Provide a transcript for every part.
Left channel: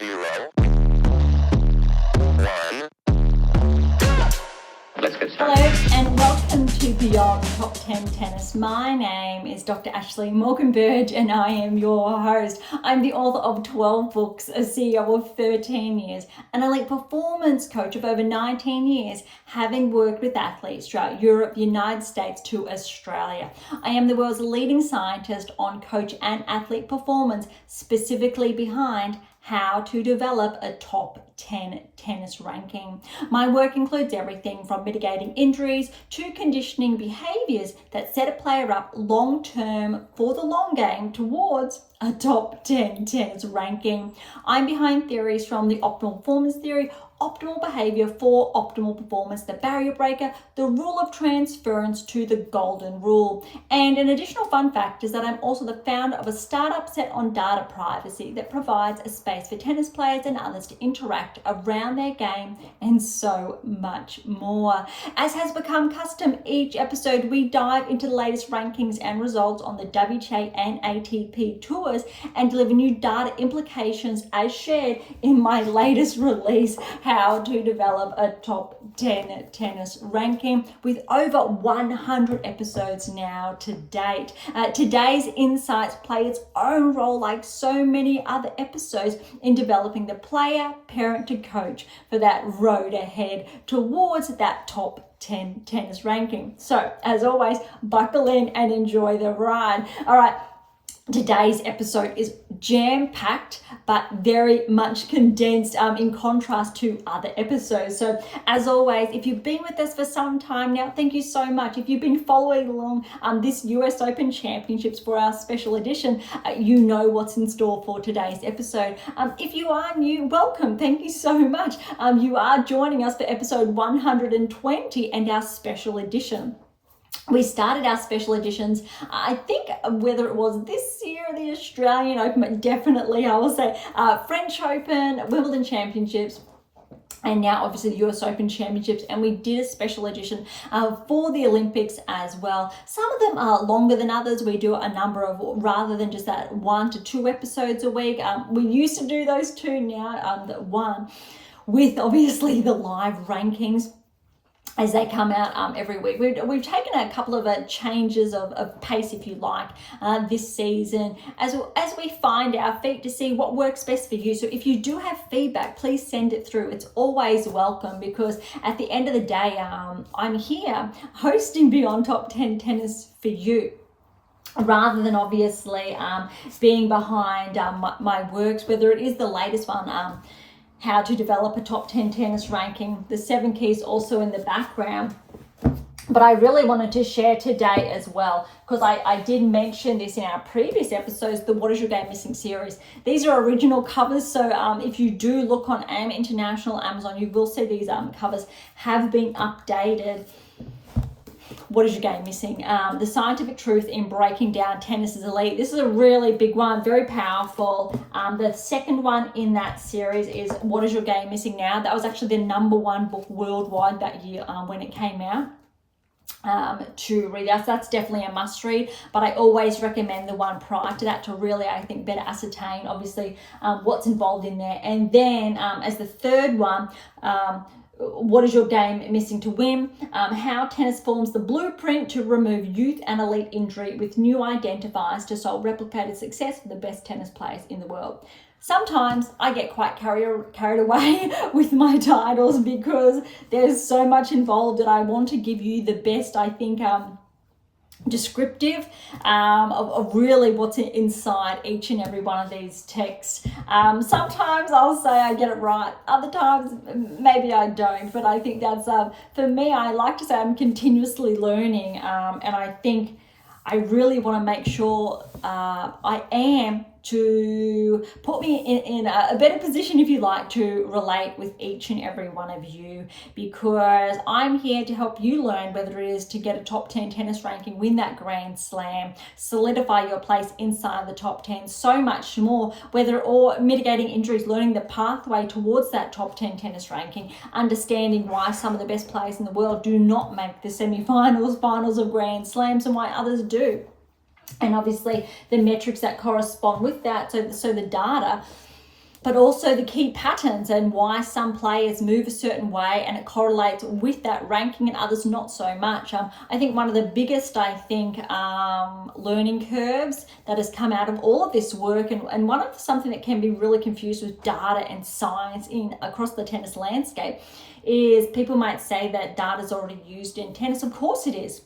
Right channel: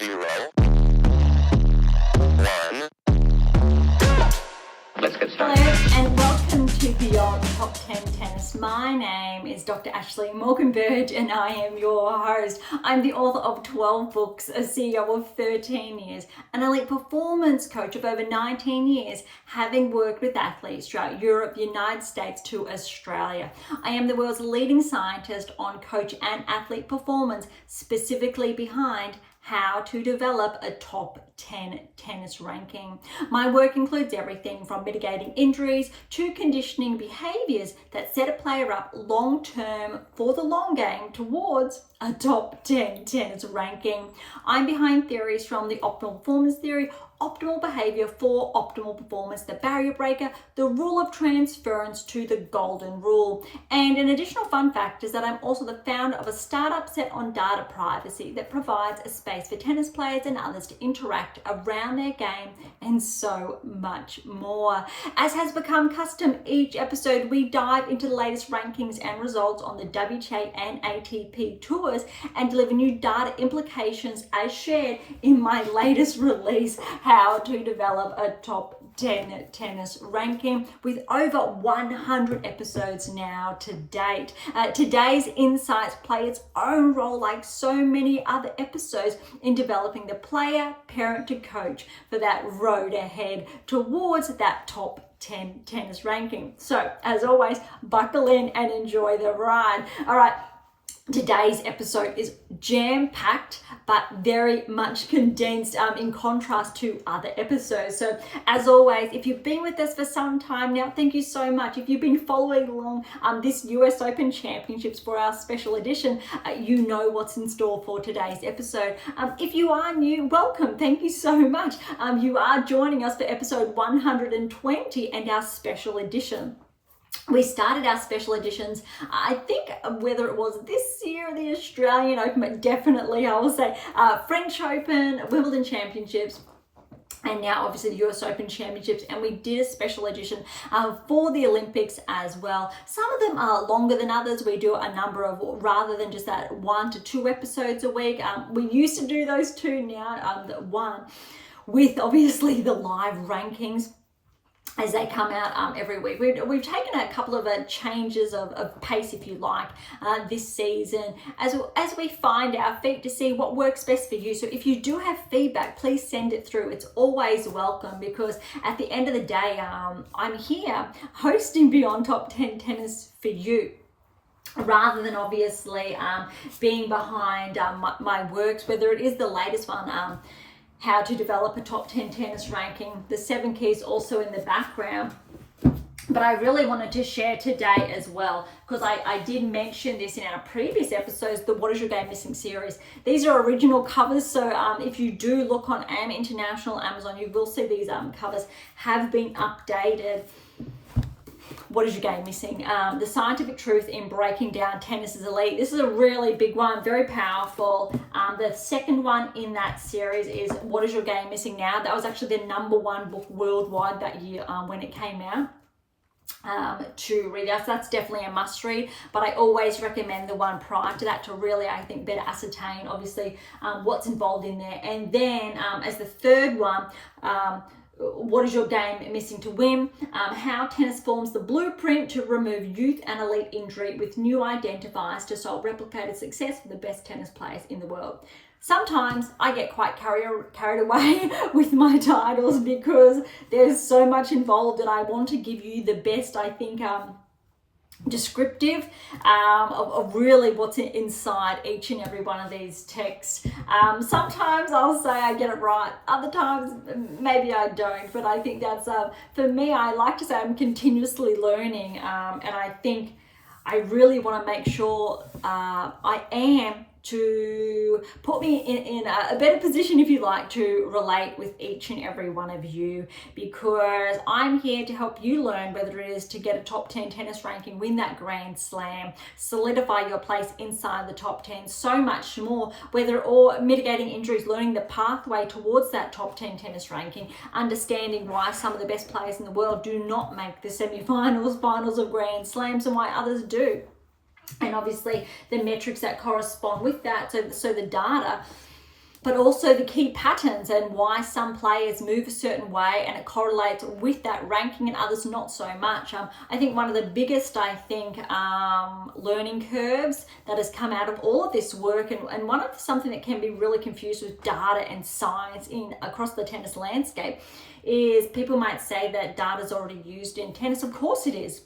0, 1. Let's get started. Hello and welcome to Beyond Top 10 Tennis. My name is Dr. Ashley Morgan-Berge and I am your host. I'm the author of 12 books, a CEO of 13 years, an elite performance coach of over 19 years, having worked with athletes throughout Europe, the United States to Australia. I am the world's leading scientist on coach and athlete performance, specifically behind how to develop a top 10 tennis ranking. My work includes everything from mitigating injuries to conditioning behaviors that set a player up long-term for the long game towards a top 10 tennis ranking. I'm behind theories from the optimal performance theory, optimal behavior for optimal performance, the barrier breaker, the rule of transference to the golden rule. And an additional fun fact is that I'm also the founder of a startup set on data privacy that provides a space for tennis players and others to interact around their game and so much more. As has become custom, each episode we dive into the latest rankings and results on the WTA and ATP tours and deliver new data implications as shared in my latest release, How to Develop a Top 10 Tennis Ranking, with over 100 episodes now to date. Today's insights play its own role, like so many other episodes, in developing the player, parent to coach for that road ahead towards that top 10 tennis ranking. So, as always, buckle in and enjoy the ride. All right. Today's episode is jam-packed, but very much condensed in contrast to other episodes. So as always, if you've been with us for some time now, thank you so much. If you've been following along this US Open Championships for our special edition, you know what's in store for today's episode. If you are new, welcome. Thank you so much. You are joining us for episode 120 and our special edition. We started our special editions, I think, whether it was this year, the Australian Open, but definitely I will say French Open, Wimbledon Championships, and now obviously the US Open Championships, and we did a special edition for the Olympics as well. Some of them are longer than others. We do a number of, rather than just that 1 to 2 episodes a week. We used to do those 2, now the 1, with obviously the live rankings as they come out every week. We've taken a couple of changes of pace, if you like, this season as we find our feet to see what works best for you. So if you do have feedback, please send it through. It's always welcome, because at the end of the day, I'm here hosting Beyond Top 10 Tennis for you, rather than obviously being behind my works, whether it is the latest one, How to Develop a Top 10 Tennis Ranking, the 7 keys also in the background. But I really wanted to share today as well, because I did mention this in our previous episodes, the What Is Your Game Missing series. These are original covers, so if you do look on AM8 International, Amazon, you will see these covers have been updated. What is your game missing? The scientific truth in breaking down tennis's elite. This is a really big one, very powerful. The second one in that series is What Is Your Game Missing Now? That was actually the #1 book worldwide that year when it came out. To read out. So that's definitely a must read, but I always recommend the one prior to that to really, I think, better ascertain obviously what's involved in there. And then as the third one, what is your game missing to win? How tennis forms the blueprint to remove youth and elite injury with new identifiers to solve replicated success for the best tennis players in the world. Sometimes I get quite carried away with my titles, because there's so much involved that I want to give you the best, I think, descriptive of really what's inside each and every one of these texts. Sometimes I'll say I get it right, other times maybe I don't, but I think that's for me, I like to say I'm continuously learning, and I think I really want to make sure I am to put me in a better position, if you like, to relate with each and every one of you, because I'm here to help you learn, whether it is to get a top 10 tennis ranking, win that Grand Slam, solidify your place inside the top 10, so much more, or mitigating injuries, learning the pathway towards that top 10 tennis ranking, understanding why some of the best players in the world do not make the semi-finals, finals of Grand Slams, and why others do. And obviously the metrics that correspond with that, so the data but also the key patterns and why some players move a certain way and it correlates with that ranking and others not so much. I think one of the biggest, learning curves that has come out of all of this work, and one of something that can be really confused with data and science across the tennis landscape, is people might say that data is already used in tennis. Of course it is.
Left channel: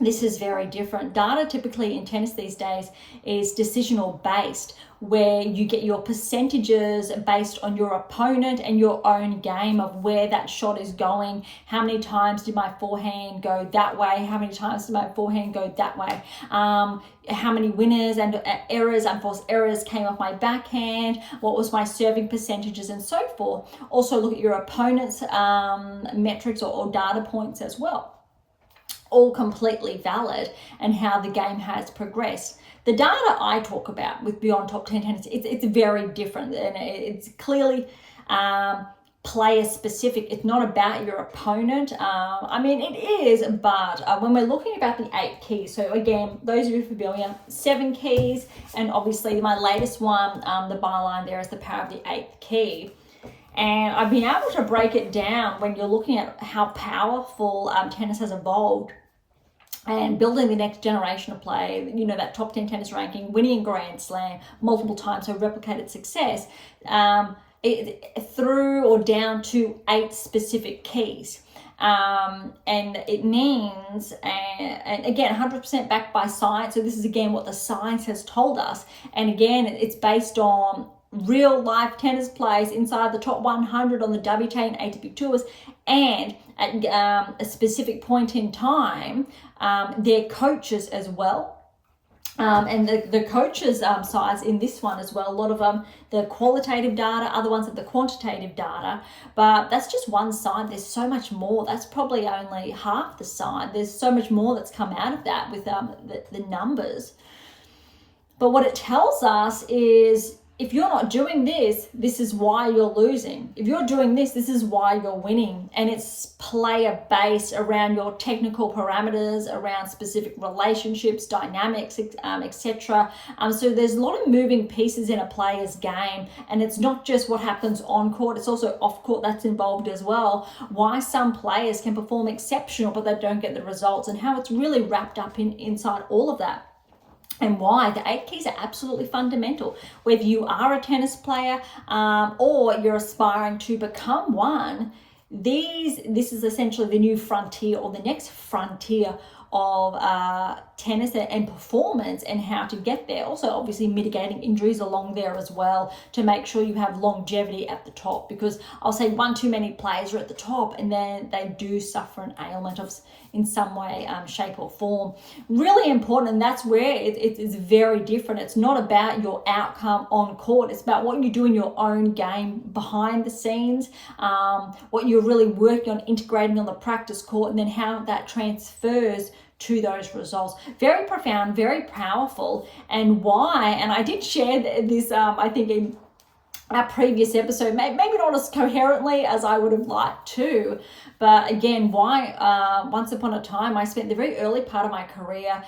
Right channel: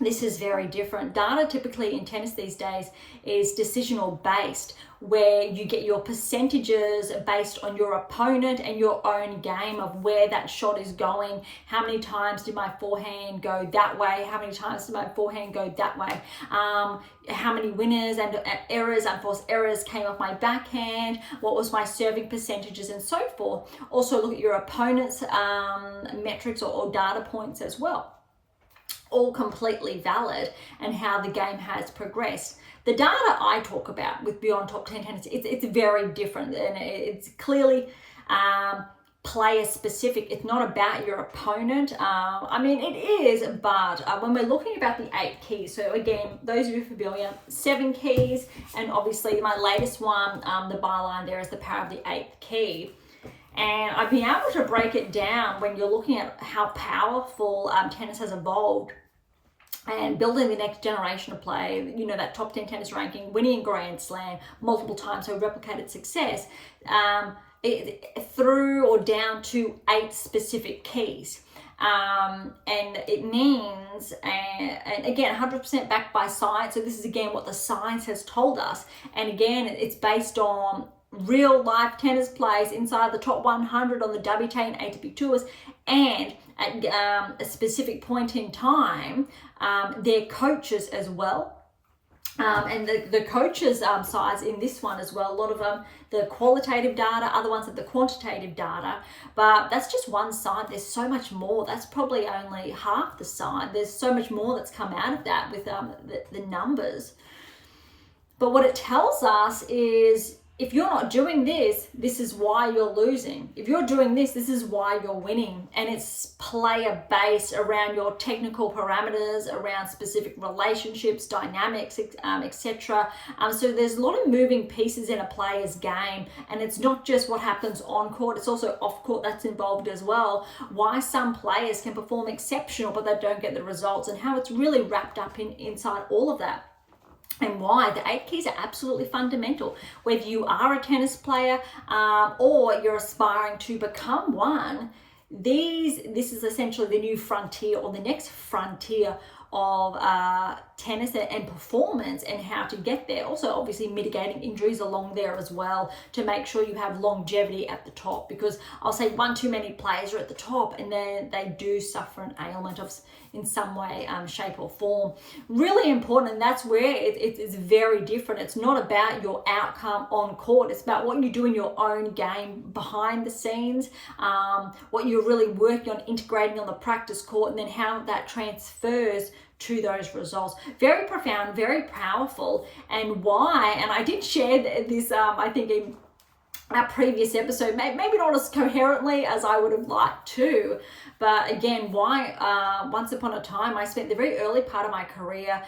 This is very different. Data typically in tennis these days is decisional based, where you get your percentages based on your opponent and your own game of where that shot is going. How many times did my forehand go that way? How many times did my forehand go that way? How many winners and errors, unforced errors came off my backhand? What was my serving percentages and so forth? Also look at your opponent's metrics or data points as well. All completely valid, and how the game has progressed. The data I talk about with Beyond Top 10 Tennis, it's very different, and it's clearly player specific. It's not about your opponent. It is, but when we're looking about the 8 keys, so again, those of you familiar, 7 keys, and obviously my latest one, the byline there is the power of the 8th key. And I've been able to break it down when you're looking at how powerful tennis has evolved and building the next generation of play, that top 10 tennis ranking, winning a Grand Slam multiple times, so replicated success, through or down to 8 specific keys. And it means, and again, 100% backed by science. So this is again what the science has told us. And again, it's based on real life tennis players inside the top 100 on the WTA and ATP tours, and at a specific point in time, their coaches as well. And the coaches' sides in this one as well, a lot of the qualitative data, other ones are the quantitative data, but that's just one side. There's so much more. That's probably only half the side. There's so much more that's come out of that with the numbers. But what it tells us is, if you're not doing this, this is why you're losing. If you're doing this, this is why you're winning. And it's player based around your technical parameters, around specific relationships, dynamics, etc. So there's a lot of moving pieces in a player's game, and it's not just what happens on court, it's also off court that's involved as well. Why some players can perform exceptional, but they don't get the results, and how it's really wrapped up inside all of that. And why the 8 keys are absolutely fundamental. Whether you are a tennis player or you're aspiring to become one, this is essentially the new frontier, or the next frontier of tennis and performance, and how to get there. Also, obviously, mitigating injuries along there as well, to make sure you have longevity at the top, because I'll say one too many players are at the top and then they do suffer an ailment in some way, shape or form. Really important, and that's where it is very different. It's not about your outcome on court, it's about what you do in your own game behind the scenes, what you're really working on integrating on the practice court, and then how that transfers to those results. Very profound, very powerful. And why, and I did share this I think in our previous episode, maybe not as coherently as I would have liked to, but again, why once upon a time I spent the very early part of my career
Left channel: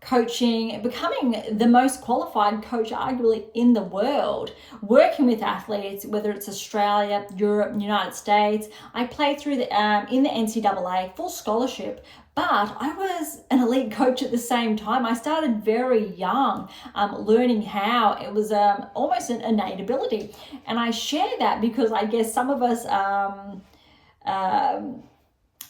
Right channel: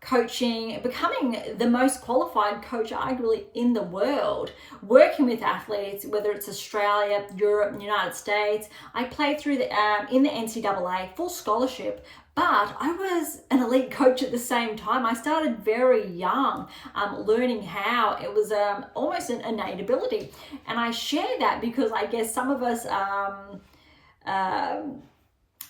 coaching, becoming the most qualified coach arguably in the world, working with athletes, whether it's Australia, Europe, United States. I played through in the NCAA, full scholarship, but I was an elite coach at the same time. I started very young, learning how. It was almost an innate ability. And I share that because I guess some of us,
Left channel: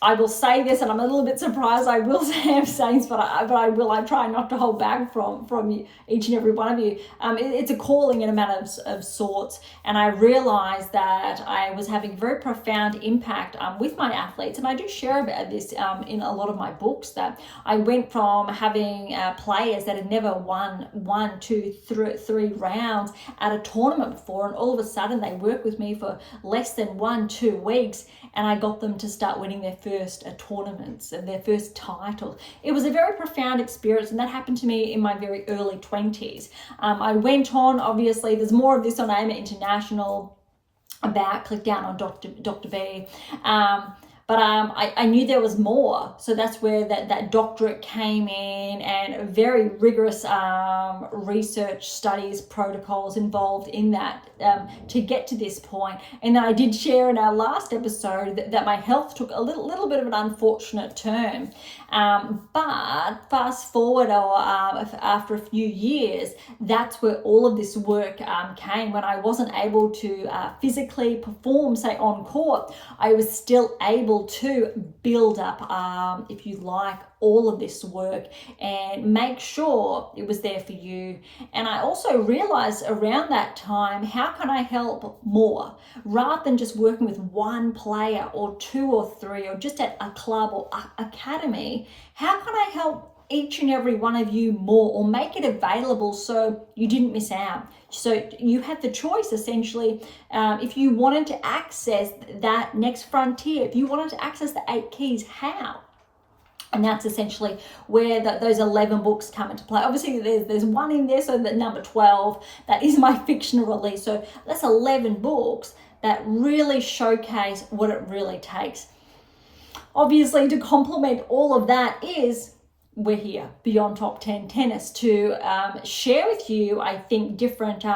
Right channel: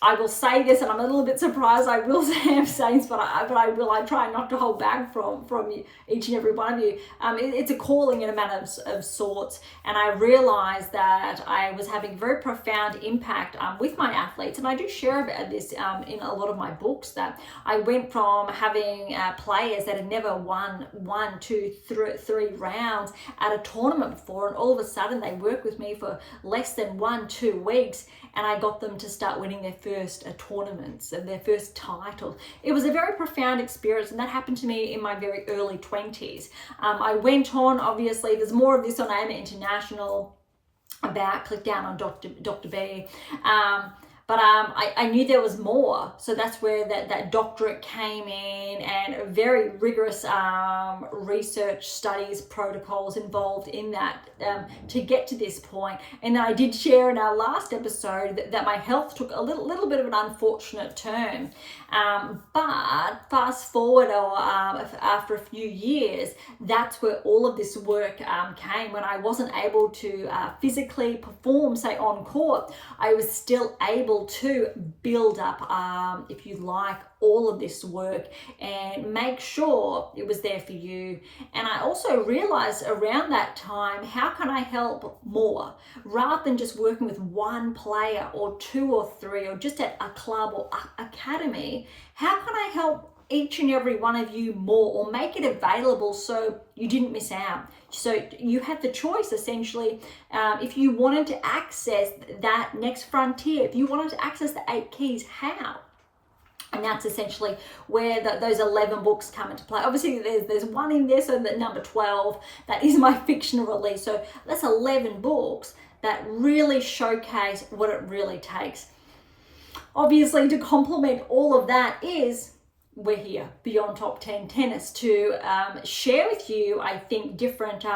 I will say this, and I'm a little bit surprised I will say I'm saying this, but I try not to hold back from each and every one of you. It's a calling in a matter of sorts, and I realized that I was having very profound impact with my athletes, and I do share about this in a lot of my books, that I went from having players that had never won 1, 2, 3 rounds at a tournament before, and all of a sudden they worked with me for less than 1-2 weeks, and I got them to start winning their first tournaments and their first titles. It was a very profound experience, and that happened to me in my very early 20s. I went on, obviously, there's more of this on AM8 International about, click down on Dr Berge. But I knew there was more. So that's where that doctorate came in, and very rigorous research studies, protocols involved in that to get to this point. And then I did share in our last episode that my health took a little bit of an unfortunate turn. But fast forward after a few years, that's where all of this work came. When I wasn't able to physically perform, say on court, I was still able to build up, if you like, all of this work and make sure it was there for you. And I also realized around that time, how can I help more? Rather than just working with one player or two or three, or just at a club or academy, how can I help each and every one of you more, or make it available so you didn't miss out? So you had the choice, essentially, if you wanted to access that next frontier, if you wanted to access the 8 keys, how? And that's essentially where those 11 books come into play. Obviously, there's one in there, so the number 12, that is my fictional release. So that's 11 books that really showcase what it really takes. Obviously, to complement all of that is we're here, Beyond Top 10 Tennis, to share with you, I think, different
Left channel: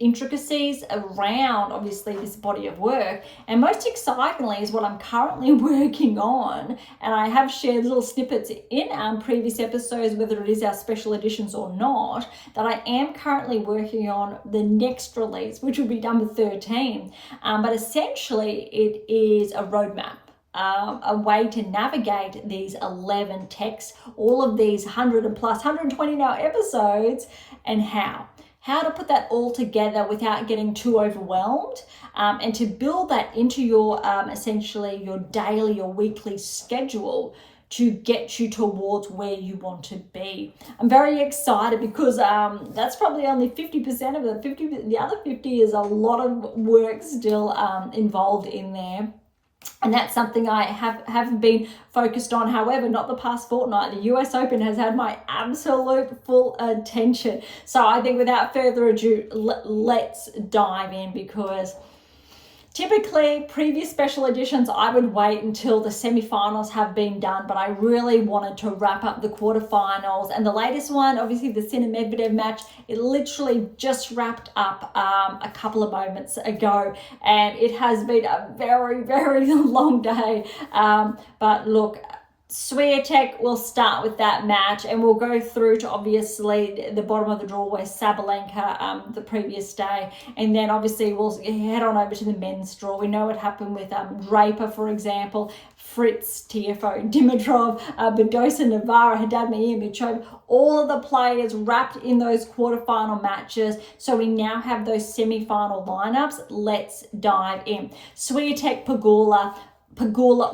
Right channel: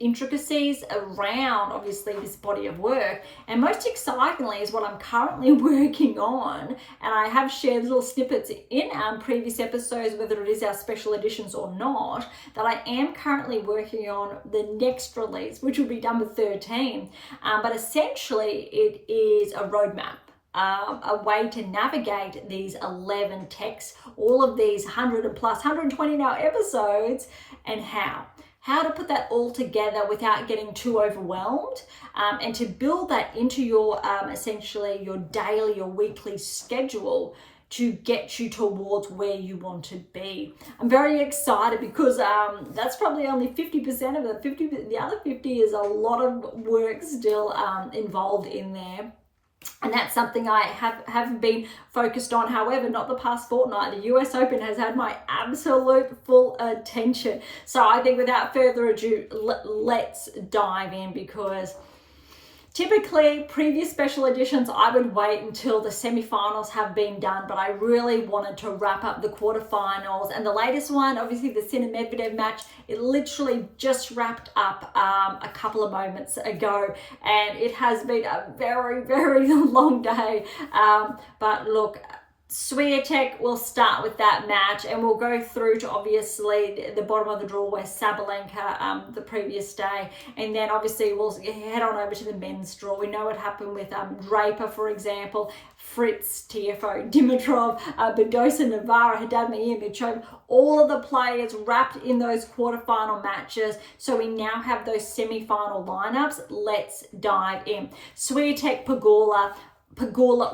intricacies around, obviously, this body of work. And most excitingly is what I'm currently working on. And I have shared little snippets in previous episodes, whether it is our special editions or not, that I am currently working on the next release, which will be number 13. But essentially, it is a roadmap. A way to navigate these 11 texts, all of these 100 and plus, 120 now episodes, and how to put that all together without getting too overwhelmed, and to build that into your essentially your daily or weekly schedule to get you towards where you want to be. I'm very excited because that's probably only 50% of it. The other 50 is a lot of work still involved in there. And that's something I have been focused on. However, not the past fortnight. The US Open has had my absolute full attention. So I think without further ado, let's dive in, because typically, previous special editions, I would wait until the semifinals have been done, but I really wanted to wrap up the quarterfinals. And the latest one, obviously the Medvedev match, it literally just wrapped up a couple of moments ago. And it has been a very, very long day. But look, Swiatek, will start with that match, and we'll go through to obviously the bottom of the draw where Sabalenka the previous day, and then obviously we'll head on over to the men's draw. We know what happened with Draper, for example, Fritz, Tiafoe, Dimitrov, Berge, Navarro, Medvedev, all of the players wrapped in those quarterfinal matches. So we now have those semi-final lineups. Let's dive in. Swiatek, Pegula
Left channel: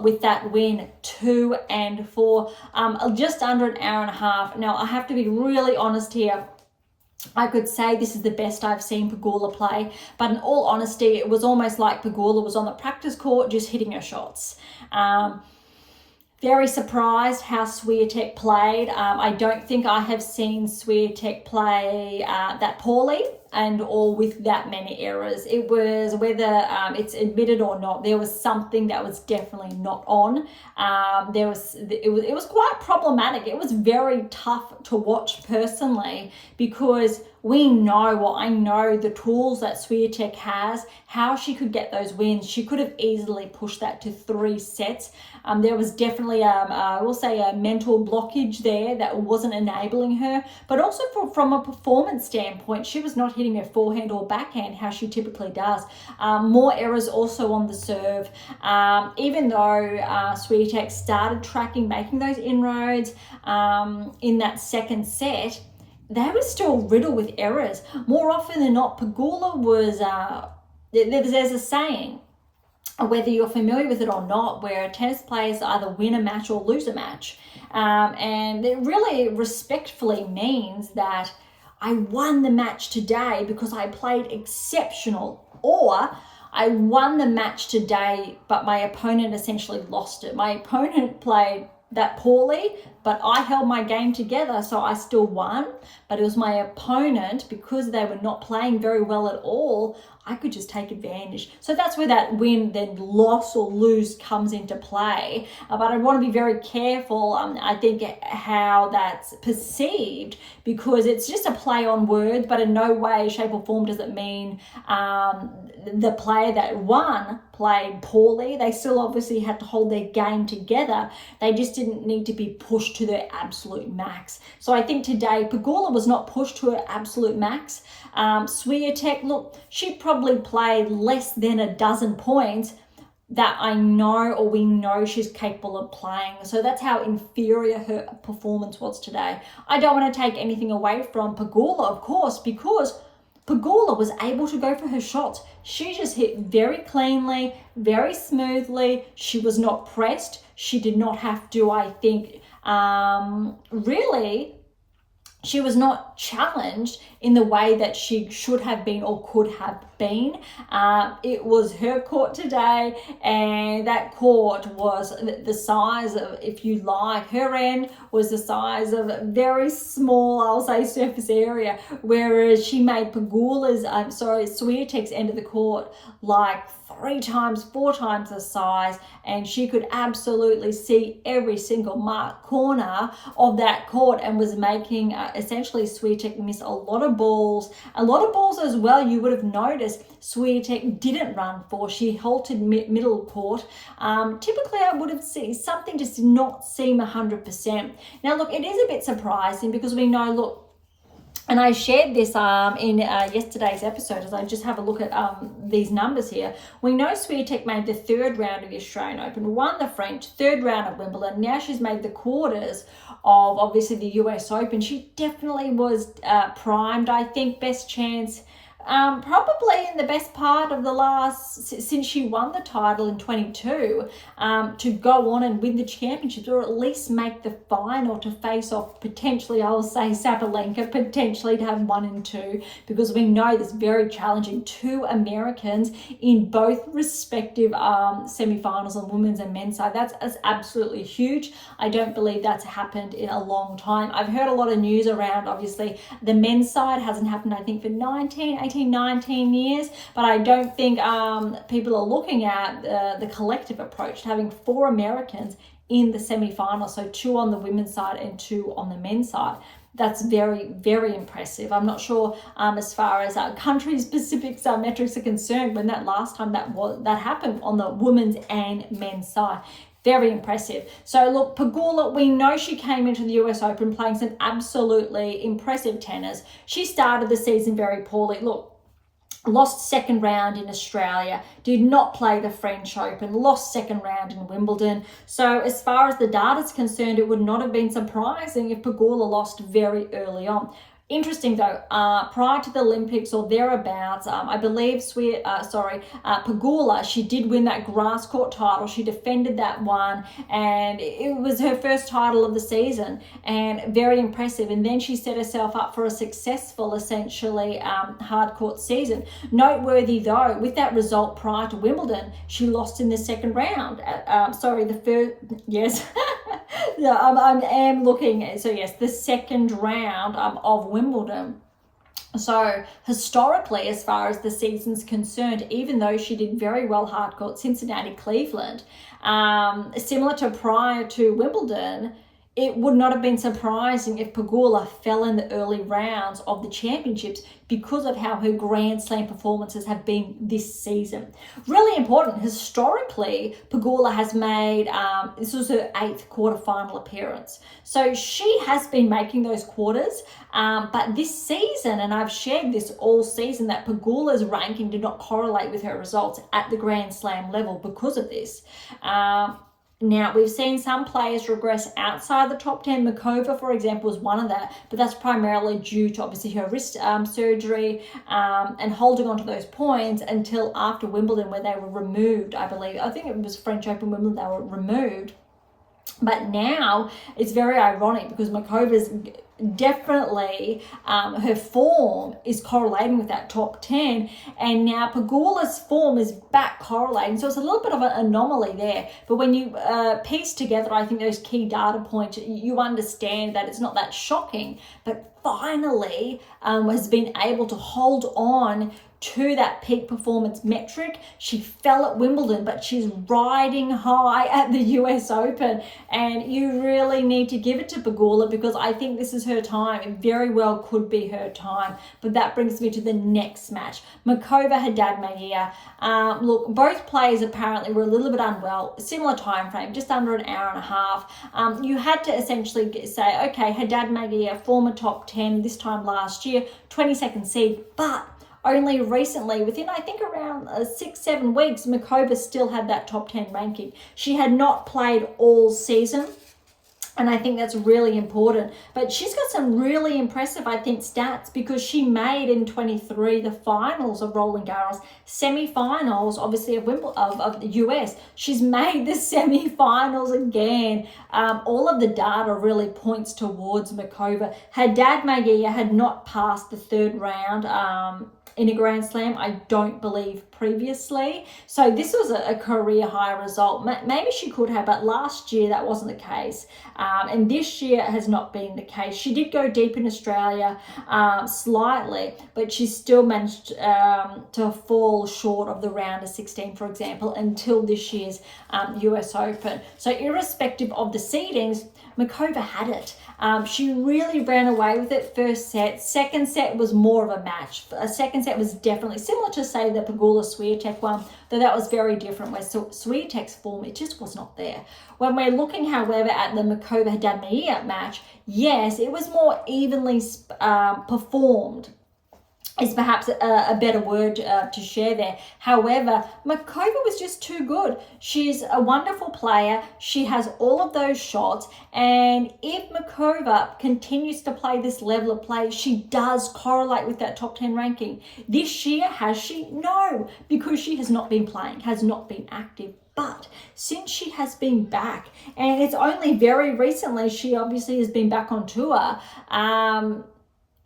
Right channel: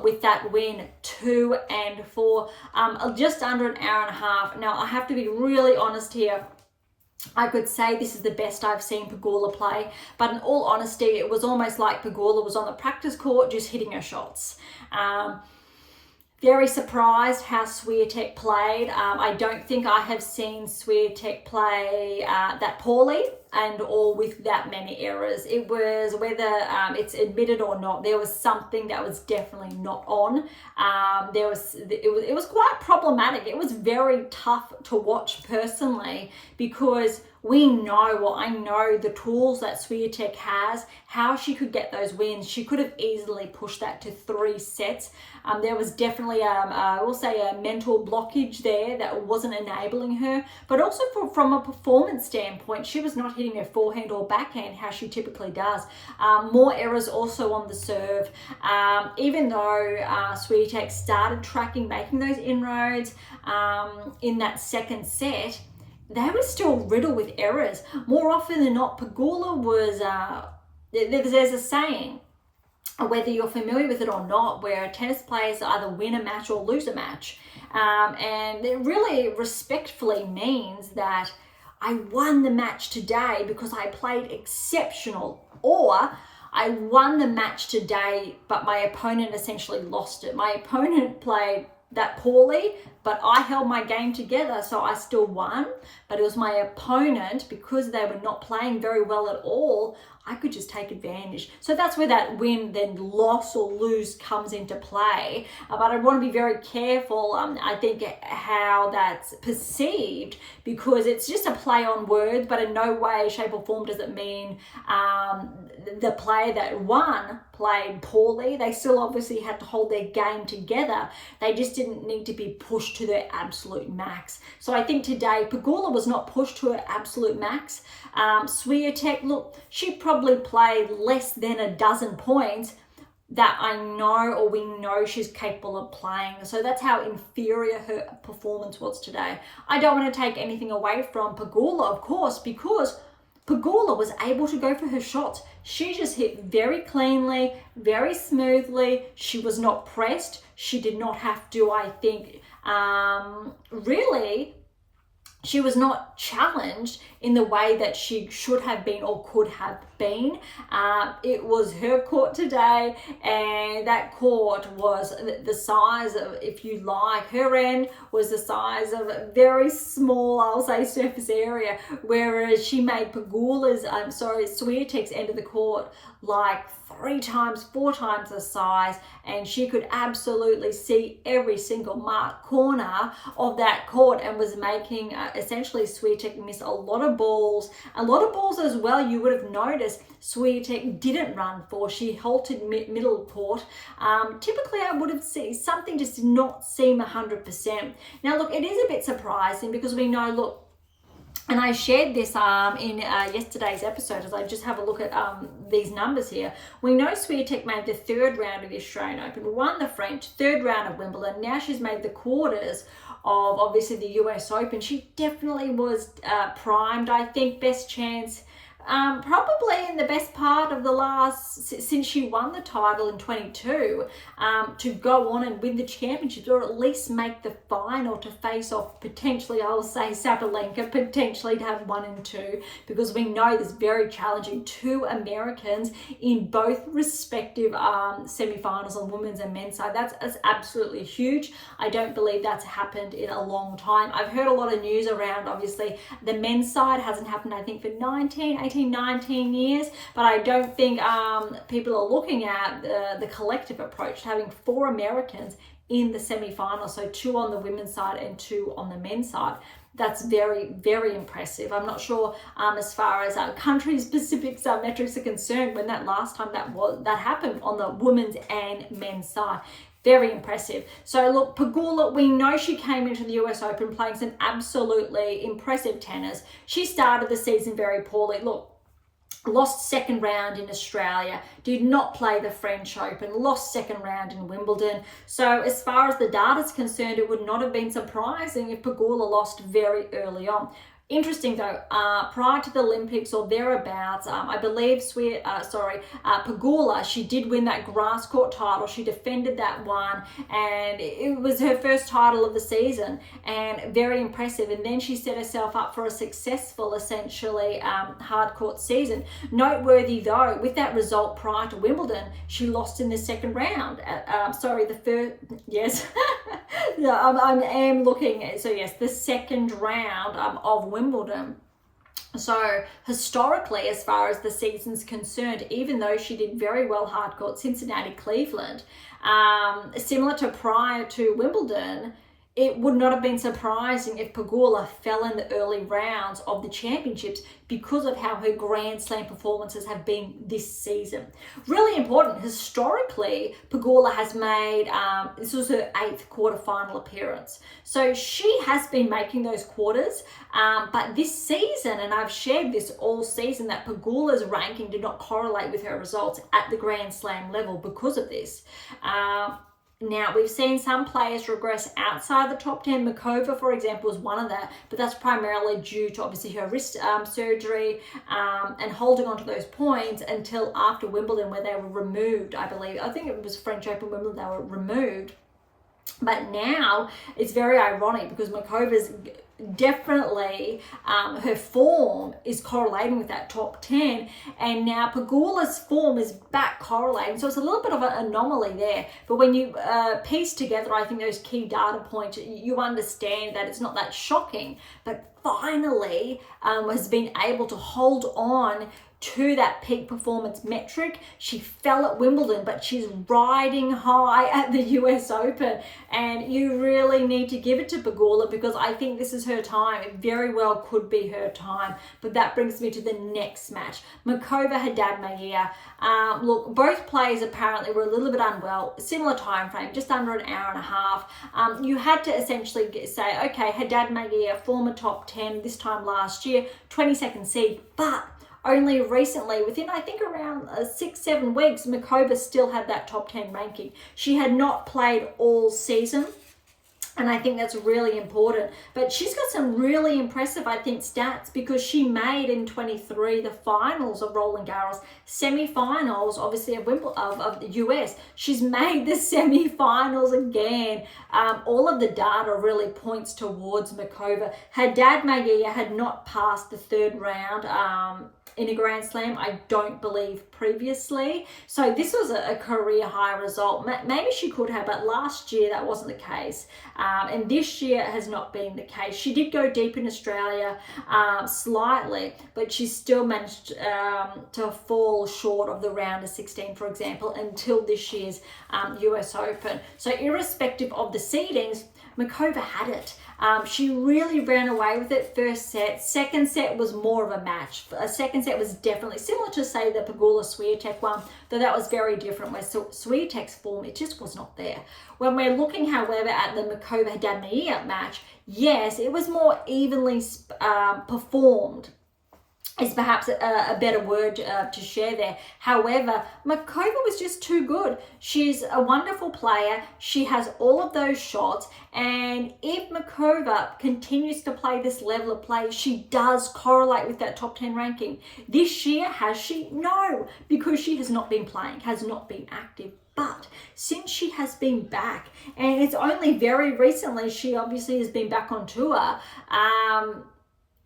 with that win, 2-4, just under an hour and a half. Now, I have to be really honest here. I could say this is the best I've seen Pegula play, but in all honesty, it was almost like Pegula was on the practice court just hitting her shots. Very surprised how Swiatek played. I don't think I have seen Swiatek play that poorly and or with that many errors. It was, whether it's admitted or not, there was something that was definitely not on. It was quite problematic. It was very tough to watch personally, because we know, well, I know the tools that Swiatek has, how she could get those wins. She could have easily pushed that to 3 sets. There was definitely, I will say, a mental blockage there that wasn't enabling her. But also from a performance standpoint, she was not hitting her forehand or backhand how she typically does. More errors also on the serve. Even though Swiatek started tracking, making those inroads in that second set, they were still riddled with errors. More often than not, Pegula was, there's a saying, whether you're familiar with it or not, where tennis players either win a match or lose a match. And it really respectfully means that I won the match today because I played exceptional, or I won the match today, but my opponent essentially lost it. My opponent played that poorly, but I held my game together, so I still won. But it was my opponent, because they were not playing very well at all, I could just take advantage. So that's where that win, then loss or lose comes into play. But I want to be very careful, I think, how that's perceived, because it's just a play on words, but in no way, shape or form does it mean the player that won played poorly. They still obviously had to hold their game together. They just didn't need to be pushed to their absolute max. So I think today Pegula was not pushed to her absolute max. Swiatek, look, she probably played less than a dozen points that I know, or we know, she's capable of playing. So that's how inferior her performance was today. I don't want to take anything away from Pegula, of course, because Pegula was able to go for her shots. She just hit very cleanly, very smoothly. She was not pressed. She did not have to, I think, really, she was not challenged in the way that she should have been or could have been. It was her court today, and that court was the size of, if you like, her end was the size of a very small, I'll say, surface area, whereas she made Swiatek's end of the court like 3 times, 4 times the size, and she could absolutely see every single mark corner of that court, and was making essentially Swiatek miss a lot of balls as well. You would have noticed Swiatek didn't run for. She halted middle court. Typically I would have seen something just did not seem 100%. Now look, it is a bit surprising, because we know, look, and I shared this in yesterday's episode, as I just have a look at these numbers here. We know Swiatek made the 3rd round of the Australian Open, won the French, 3rd round of Wimbledon. Now she's made the quarters of, obviously, the US Open. She definitely was primed, I think, best chance. Probably in the best part of the since she won the title in 22, to go on and win the championships, or at least make the final, to face off potentially, I will say, Sabalenka, potentially to have 1 and 2, because we know this very challenging. 2 Americans in both respective semi-finals on women's and men's side. That's absolutely huge. I don't believe that's happened in a long time. I've heard a lot of news around, obviously, the men's side hasn't happened, I think, for 19 years, but I don't think people are looking at the collective approach to having 4 Americans in the semi-final, so 2 on the women's side and 2 on the men's side. That's very, very impressive. I'm not sure as far as country-specific metrics are concerned, when that last time that happened on the women's and men's side. Very impressive. So look, Pegula, we know she came into the US Open playing some absolutely impressive tennis. She started the season very poorly. Look, lost 2nd round in Australia, did not play the French Open, lost 2nd round in Wimbledon. So as far as the data is concerned, it would not have been surprising if Pegula lost very early on. Interesting though, prior to the Olympics or thereabouts, I believe Pegula, she did win that grass court title. She defended that one, and it was her first title of the season, and very impressive. And then she set herself up for a successful, essentially, hard court season. Noteworthy though, with that result prior to Wimbledon, she lost in the 2nd round. The first, yes. Yeah, I am looking, so yes, the 2nd round of Wimbledon. So historically, as far as the season's concerned, even though she did very well hard court, Cincinnati, Cleveland, similar to prior to Wimbledon, it would not have been surprising if Pegula fell in the early rounds of the championships, because of how her Grand Slam performances have been this season. Really important, historically, Pegula has made, this was her 8th quarterfinal appearance. So she has been making those quarters, but this season, and I've shared this all season, that Pegula's ranking did not correlate with her results at the Grand Slam level because of this. Now, we've seen some players regress outside the top 10. Makova, for example, was one of that, but that's primarily due to, obviously, her wrist surgery and holding on to those points until after Wimbledon, where they were removed, I believe. I think it was French Open, Wimbledon, they were removed. But now, it's very ironic, because Makova's definitely, her form is correlating with that top 10, and now Pegula's form is back correlating, so it's a little bit of an anomaly there. But when you piece together, I think, those key data points, you understand that it's not that shocking, but finally has been able to hold on to that peak performance metric. She fell at Wimbledon, but she's riding high at the US Open, and you really need to give it to Pegula because I think this is her time. It very well could be her time. But that brings me to the next match. Makova Haddad-Maguire. Look, both players apparently were a little bit unwell. Similar time frame, just under an hour and a half. You had to essentially say, okay, Haddad-Maguire, former top 10 this time last year, 22nd seed, but only recently, within I think around 6-7 weeks, Makova still had that top 10 ranking. She had not played all season, and I think that's really important. But she's got some really impressive, I think, stats because she made in 23 the finals of Roland Garros, semi-finals, obviously, of the US. She's made the semi-finals again. All of the data really points towards Makova. Haddad-Maguire had not passed the third round in a Grand Slam, I don't believe, previously. So this was a career high result. Maybe she could have, but last year that wasn't the case. And this year has not been the case. She did go deep in Australia slightly, but she still managed to fall short of the round of 16, for example, until this year's US Open. So irrespective of the seedings, Makova had it. She really ran away with it first set. Second set was more of a match. Second set was definitely similar to, say, the Pegula-Swiatek one, though that was very different, where Swiatek's form, it just was not there. When we're looking, however, at the Makova-Haddad-Maguire match, yes, it was more evenly performed, is perhaps a better word to share there. However, Makova was just too good. She's a wonderful player. She has all of those shots. And if Makova continues to play this level of play, she does correlate with that top 10 ranking. This year, has she? No, because she has not been playing, has not been active. But since she has been back, and it's only very recently she obviously has been back on tour,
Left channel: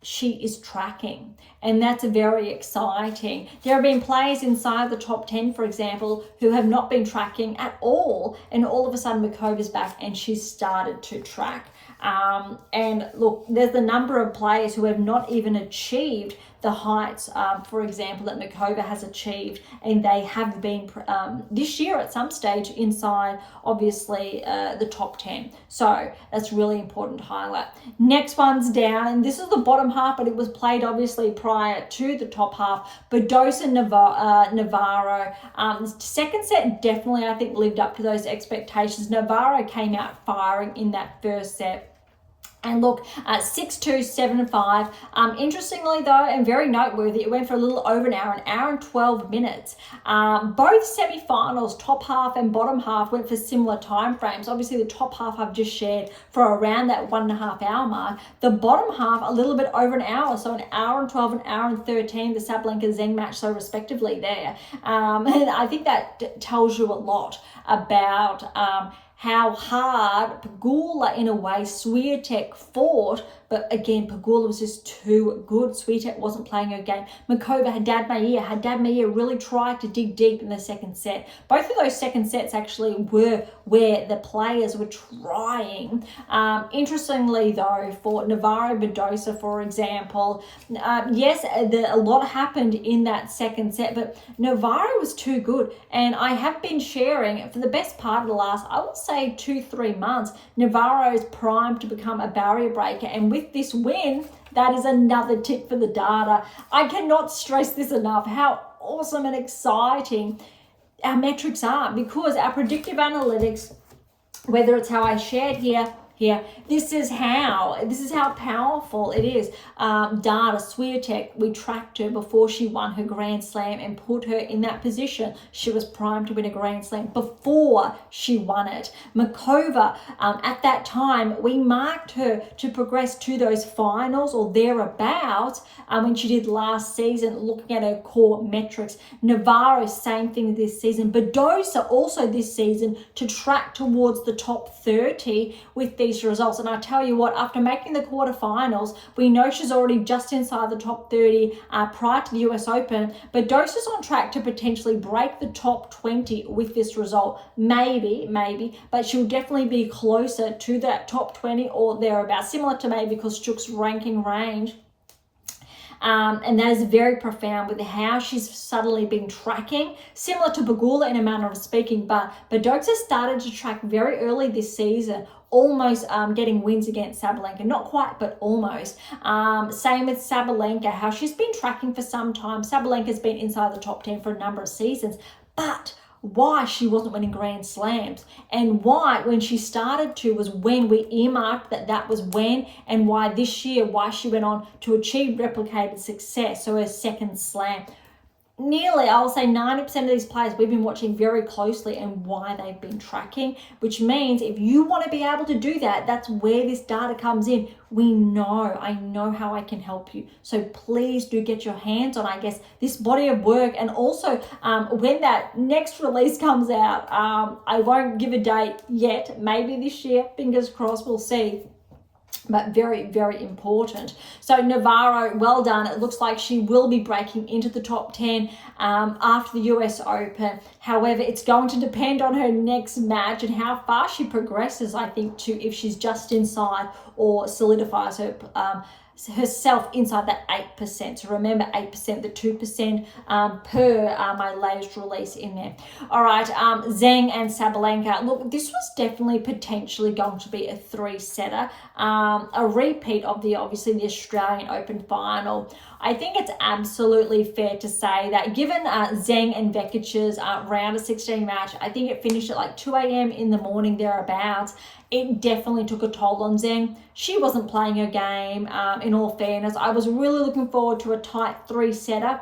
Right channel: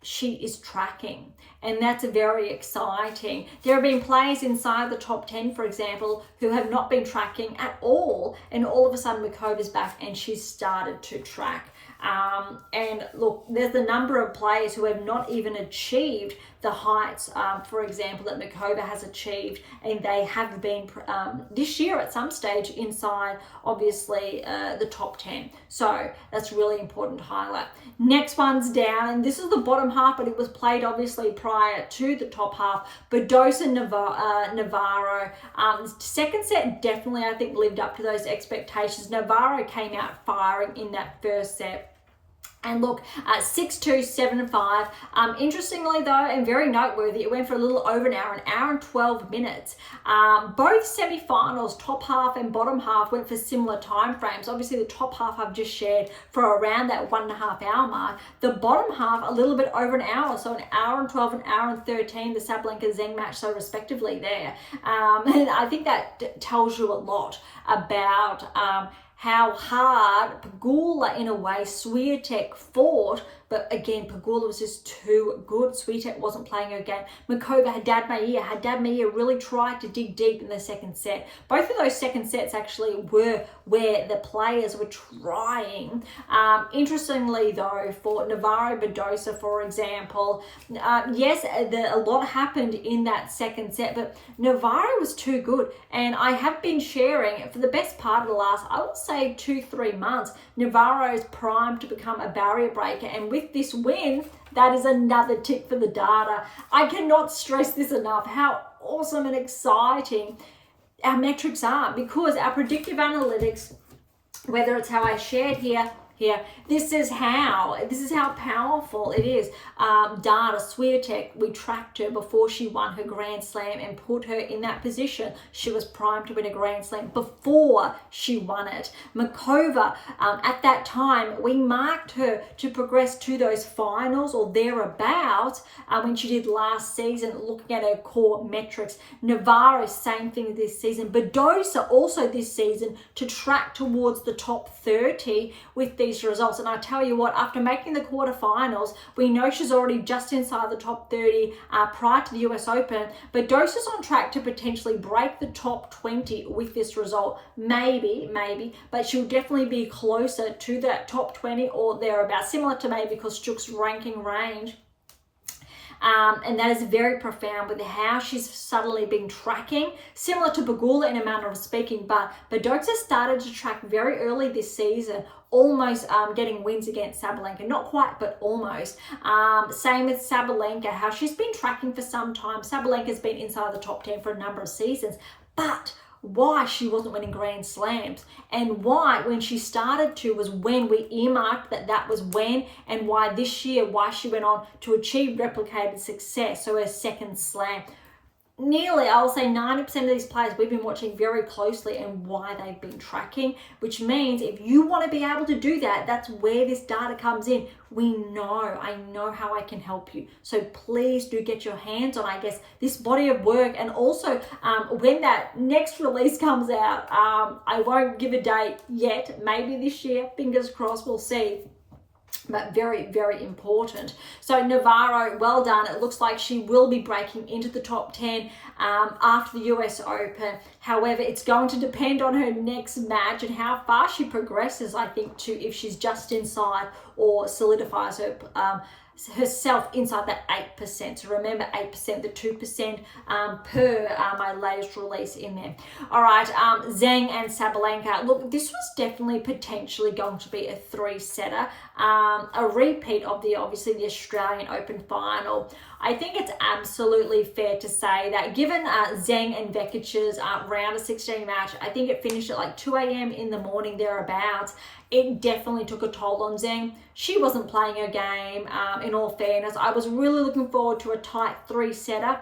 she is tracking. And that's very exciting. There have been players inside the top 10, for example, who have not been tracking at all. And all of a sudden, Makova's back and she's started to track. And look, there's a number of players who have not even achieved the heights, for example, that Makova has achieved, and they have been this year at some stage inside, obviously, the top 10. So that's really important to highlight. Next one's down, and this is the bottom half, but it was played obviously prior to the top half. Badosa Navarro. Second set definitely, I think, lived up to those expectations. Navarro came out firing in that first set. And look, 6-2, 7-5. Interestingly though, and very noteworthy, it went for a little over an hour and 12 minutes. Both semi-finals, top half and bottom half, went for similar time frames. Obviously the top half I've just shared for around that 1.5 hour mark. The bottom half, a little bit over an hour, so an hour and 12, an hour and 13, the Sabalenka Zheng match, so respectively there. And I think that tells you a lot about how hard Pegula, in a way, Swiatek fought. But again, Pegula was just too good. Swiatek wasn't playing her game. Makova, Haddad-Maguire really tried to dig deep in the second set. Both of those second sets actually were where the players were trying. Interestingly, though, for Navarro Badosa, for example, yes, a lot happened in that second set, but Navarro was too good. And I have been sharing, for the best part of the last, I would say 2-3 months, Navarro is primed to become a barrier breaker. And with this win, that is another tip for the data. I cannot stress this enough, how awesome and exciting our metrics are, because our predictive analytics, whether it's how I shared here, this is how powerful it is. Data, Swiatek, we tracked her before she won her Grand Slam and put her in that position. She was primed to win a Grand Slam before she won it. Makova, at that time, we marked her to progress to those finals or thereabouts when she did last season, looking at her core metrics. Navarro, same thing this season. Badosa also this season to track towards the top 30 with these results. And I tell you what, after making the quarterfinals, we know she's already just inside the top 30 prior to the US Open. Badosa's on track to potentially break the top 20 with this result. Maybe, but she'll definitely be closer to that top 20 or thereabouts, similar to maybe Kostyuk's ranking range. And that is very profound with how she's suddenly been tracking, similar to Pegula in a manner of speaking, but Badosa started to track very early this season, almost getting wins against Sabalenka. Not quite, but almost. Same with Sabalenka, how she's been tracking for some time. Sabalenka's been inside the top 10 for a number of seasons, but why she wasn't winning Grand Slams, and why when she started to was when we earmarked that was when, and why this year, why she went on to achieve replicated success, so her second slam. Nearly, I will say 90% of these players we've been watching very closely and why they've been tracking, which means if you want to be able to do that, that's where this data comes in. I know how I can help you. So please do get your hands on, I guess, this body of work. And also when that next release comes out, I won't give a date yet, maybe this year, fingers crossed, we'll see. But very, very important. So Navarro, well done. It looks like she will be breaking into the top 10 after the US Open. However, it's going to depend on her next match and how far she progresses, I think, to if she's just inside or solidifies herself inside that 8%. So remember 8%, the 2% per my latest release in there. All right, Zheng and Sabalenka. Look, this was definitely potentially going to be a 3-setter, a repeat of obviously the Australian Open final. I think it's absolutely fair to say that given Zheng and Vekic's round of 16 match, I think it finished at like 2 a.m. in the morning thereabouts. It definitely took a toll on Zheng. She wasn't playing her game, in all fairness. I was really looking forward to a tight 3-setter.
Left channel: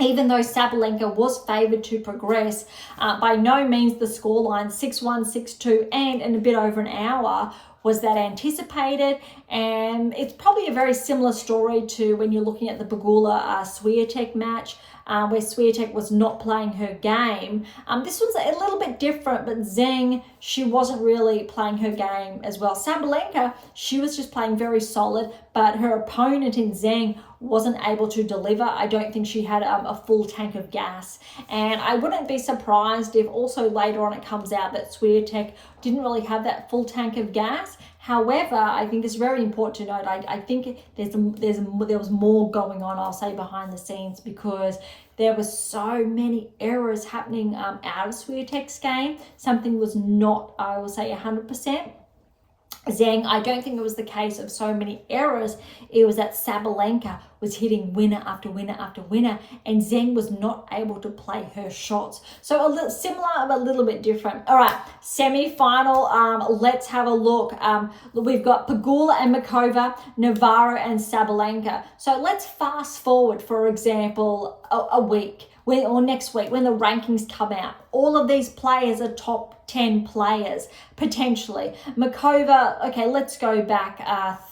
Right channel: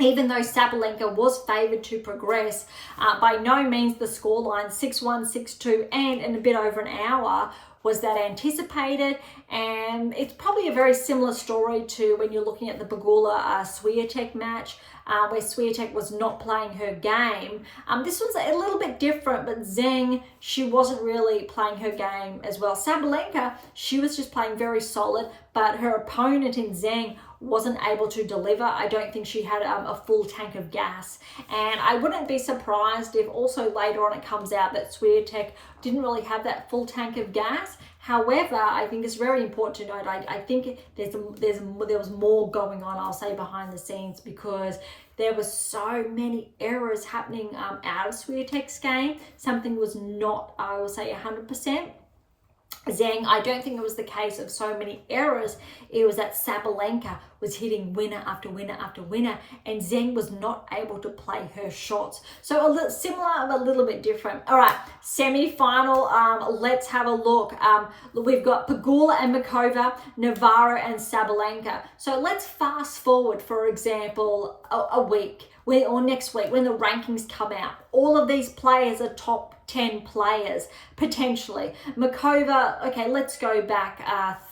Even though Sabalenka was favoured to progress, by no means the scoreline 6-1, 6-2 and in a bit over an hour was that anticipated. And it's probably a very similar story to when you're looking at the Pegula Swiatek match, where Swiatek was not playing her game. This was a little bit different, but Zheng, she wasn't really playing her game as well. Sabalenka, she was just playing very solid, but her opponent in Zheng wasn't able to deliver. I don't think she had a full tank of gas. And I wouldn't be surprised if also later on it comes out that Swiatek didn't really have that full tank of gas. However, I think it's very important to note, I think there was more going on, I'll say, behind the scenes, because there were so many errors happening out of Swiatek's game. Something was not, I will say, 100%. Zheng, I don't think it was the case of so many errors. It was that Sabalenka was hitting winner after winner after winner, and Zheng was not able to play her shots. So a little similar, but a little bit different. All right, semi-final. Let's have a look. We've got Pegula and Makova, Navarro and Sabalenka. So let's fast forward, for example, a week. Or next week when the rankings come out. All of these players are top 10 players, potentially. Makova, okay, let's go back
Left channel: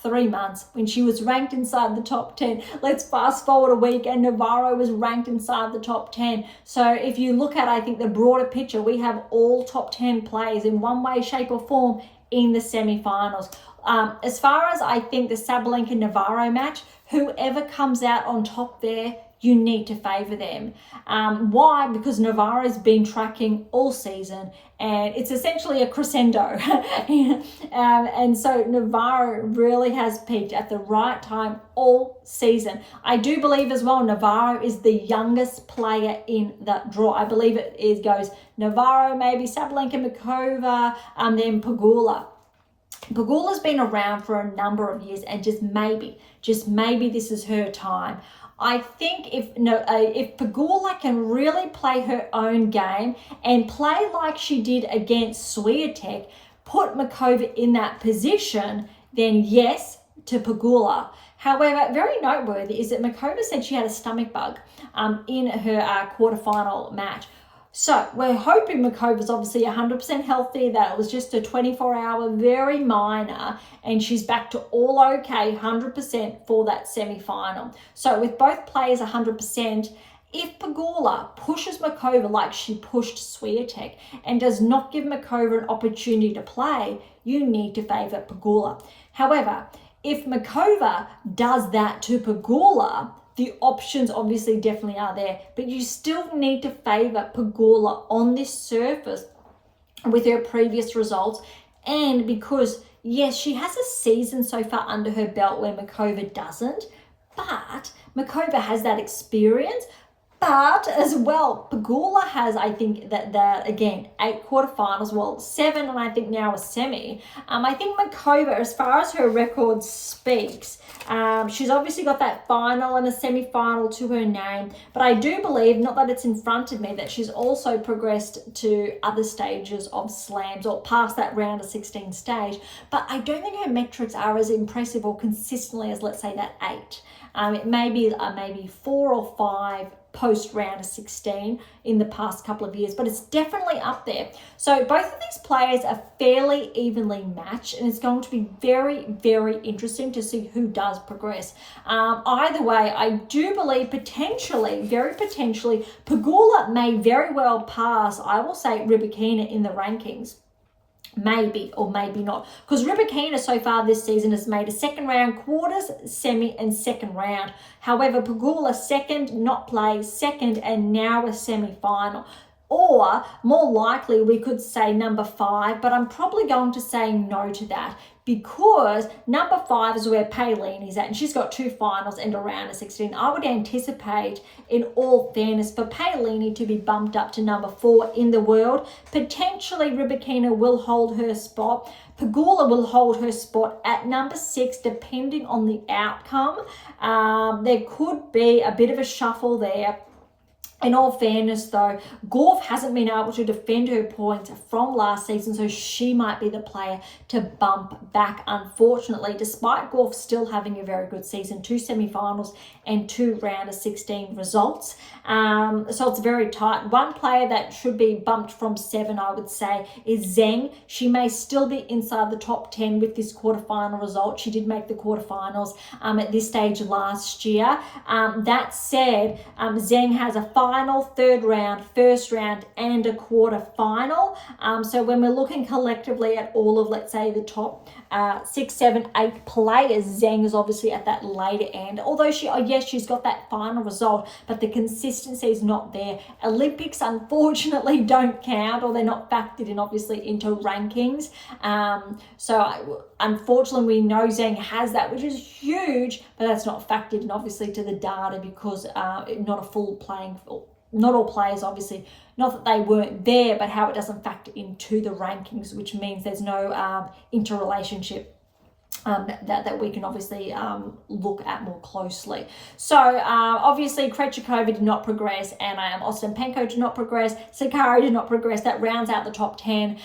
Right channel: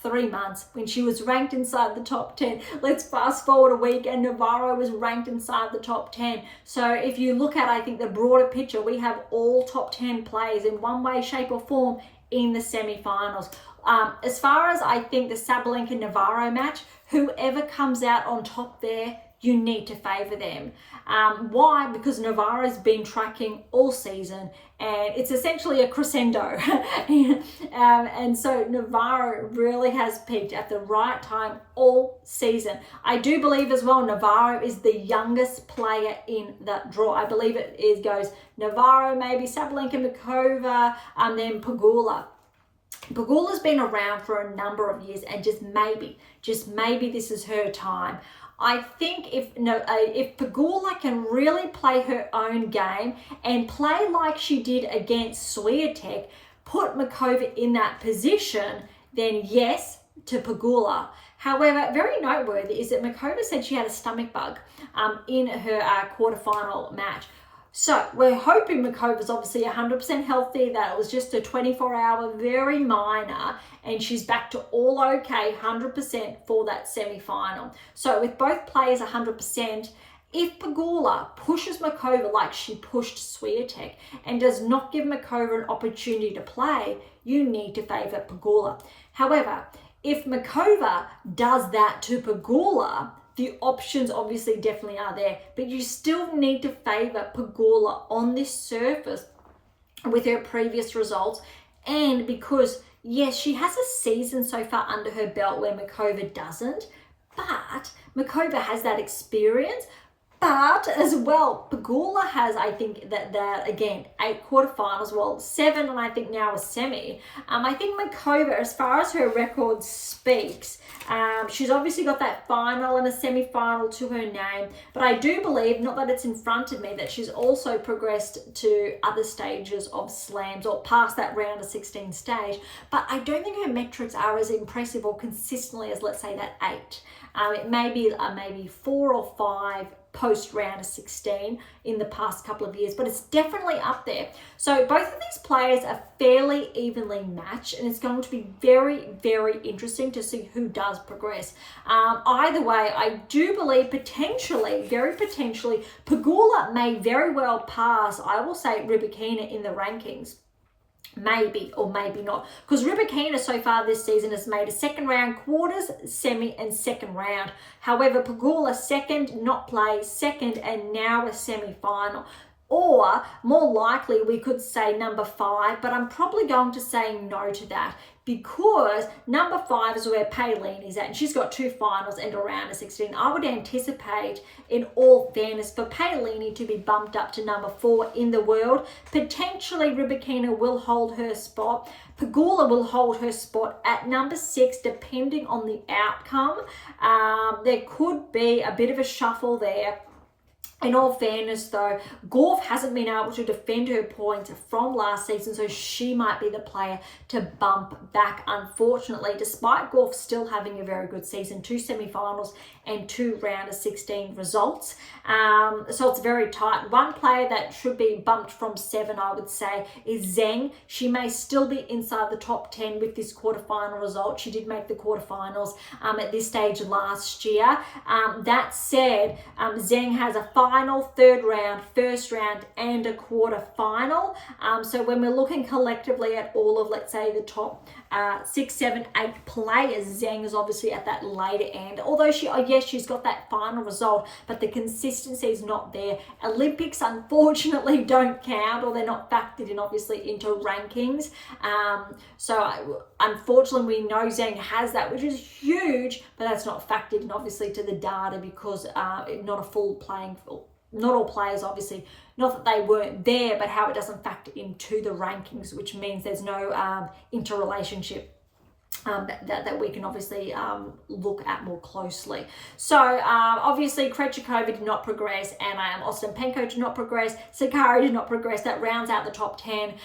3 months when she was ranked inside the top 10. Let's fast forward a week and Navarro was ranked inside the top 10. So if you look at, I think, the broader picture, we have all top 10 players in one way, shape or form in the semi-finals. As far as I think the Sabalenka-Navarro match, whoever comes out on top there, you need to favour them. Why? Because Navarro's been tracking all season and it's essentially a crescendo. And so Navarro really has peaked at the right time all season. I do believe as well Navarro is the youngest player in the draw. I believe it goes Navarro, maybe Sabalenka, Makova, and then Pegula. Pegula's been around for a number of years and just maybe this is her time. I think if Pegula can really play her own game and play like she did against Swiatek, put Makova in that position, then yes to Pegula. However, very noteworthy is that Makova said she had a stomach bug in her quarterfinal match. So we're hoping Makova's obviously 100% healthy, that it was just a 24-hour, very minor, and she's back to all okay, 100% for that semi-final. So with both players 100%, if Pegula pushes Makova like she pushed Swiatek and does not give Makova an opportunity to play, you need to favour Pegula. However, if Makova does that to Pegula, the options obviously definitely are there, but you still need to favour Pegula on this surface with her previous results, and because, yes, she has a season so far under her belt where Makova doesn't, But Makova has that experience. But as well, Pegula has, I think, that again, 8 quarterfinals, well, 7, and I think now a semi. I think Makova, as far as her record speaks, she's obviously got that final and a semi-final to her name. But I do believe, not that it's in front of me, that she's also progressed to other stages of slams or past that round of 16 stage. But I don't think her metrics are as impressive or consistently as, let's say, that 8. It may be maybe 4 or 5 post round of 16 in the past couple of years, but it's definitely up there. So both of these players are fairly evenly matched, and it's going to be very, very interesting to see who does progress. Either way, I do believe potentially, very potentially, Pegula may very well pass, I will say, Rybakina in the rankings. Maybe or maybe not, because Rybakina so far this season has made a second round, quarters, semi and second round. However, Pegula second, not play, second and now a semi-final. Or more likely we could say number 5, but I'm probably going to say no to that, because number 5 is where Paylene is at, and she's got 2 finals and a round of 16. I would anticipate, in all fairness, for Paylene to be bumped up to number 4 in the world. Potentially Rybakina will hold her spot. Pegula will hold her spot at number 6, depending on the outcome. There could be a bit of a shuffle there. In all fairness, though, Gauff hasn't been able to defend her points from last season, so she might be the player to bump back, unfortunately, despite Gauff still having a very good season, 2 semi-finals and 2 round of 16 results. So it's very tight. One player that should be bumped from 7, I would say, is Zheng. She may still be inside the top 10 with this quarterfinal result. She did make the quarterfinals at this stage last year. That said, Zheng has a final, third round, first round, and a quarterfinal. So when we're looking collectively at all of, let's say, the top 6, 7, 8 players, Zheng is obviously at that later end. Although she's got that final result, but the consistency is not there. Olympics, unfortunately, don't count, or they're not factored in, obviously, into rankings. So unfortunately, we know Zheng has that, which is huge, but that's not factored in, obviously, to the data, because not a full playing field. Not all players, obviously, not that they weren't there, but how it doesn't factor into the rankings, which means there's no interrelationship that we can obviously look at more closely. So obviously Krejcikova did not progress, and Ostapenko did not progress, Sakkari did not progress. That rounds out the top 10.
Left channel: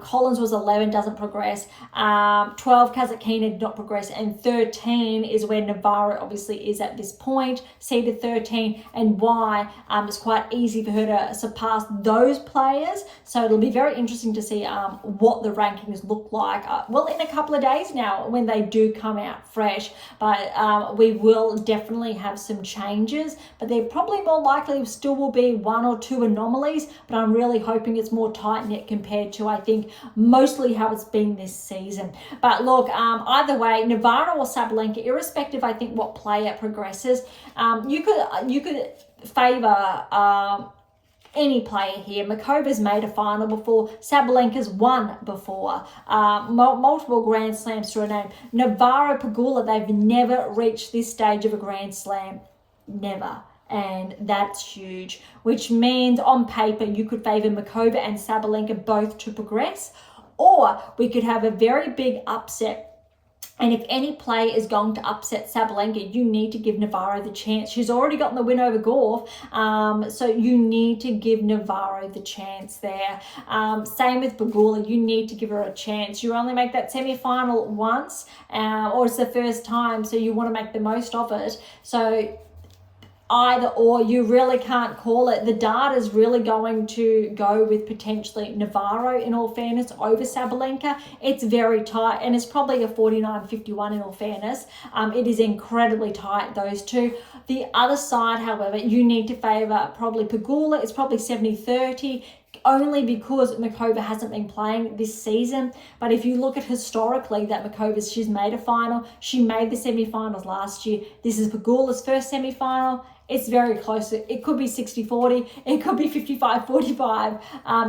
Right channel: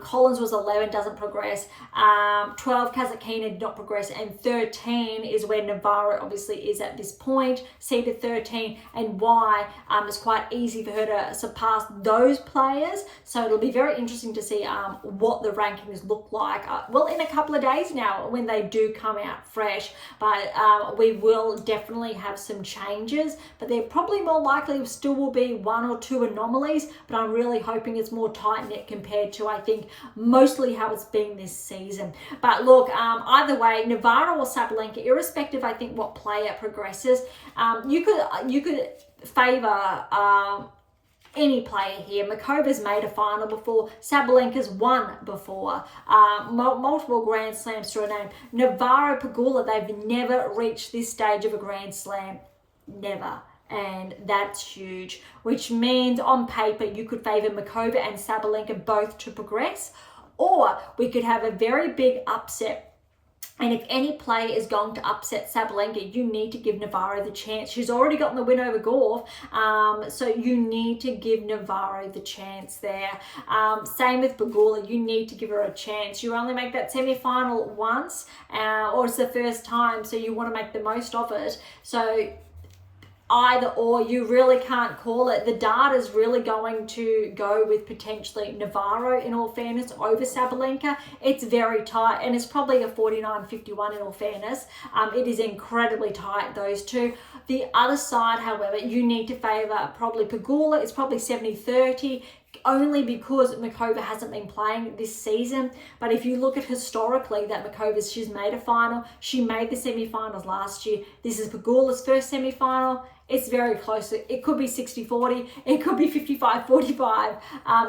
Collins was 11, doesn't progress. 12, Kasatkina did not progress, and 13 is where Navarro obviously is at this point, seeded 13, and why it's quite easy for her to surpass those players. So it'll be very interesting to see what the rankings look like. Well, in a couple of days now, when they do come out fresh, but we will definitely have some changes, but there probably more likely still will be 1 or 2 anomalies, but I'm really hoping it's more tight-knit compared to, I think, mostly how it's been this season. But look, either way, Navarro or Sabalenka, irrespective, I think, what player progresses, you could favour any player here. Makova's made a final before. Sabalenka's won before. Multiple Grand Slams to her name. Navarro, Pegula, they've never reached this stage of a Grand Slam. Never. And that's huge. Which means on paper you could favour Makova and Sabalenka both to progress. Or we could have a very big upset. And if any player is going to upset Sabalenka, you need to give Navarro the chance. She's already gotten the win over Gauff, so you need to give Navarro the chance there. Same with Pegula, you need to give her a chance. You only make that semi-final once, or it's the first time, so you want to make the most of it. So either or, you really can't call it. The data is really going to go with potentially Navarro, in all fairness, over Sabalenka. It's very tight, and it's probably a 49-51 in all fairness. It is incredibly tight, those two. The other side, however, you need to favour probably Pegula. It's probably 70-30. Only because Makova hasn't been playing this season. But if you look at historically that she's made a final. She made the semi-finals last year. This is Pegula's first semi-final. it's very close. It could be 60-40, it could be 55-45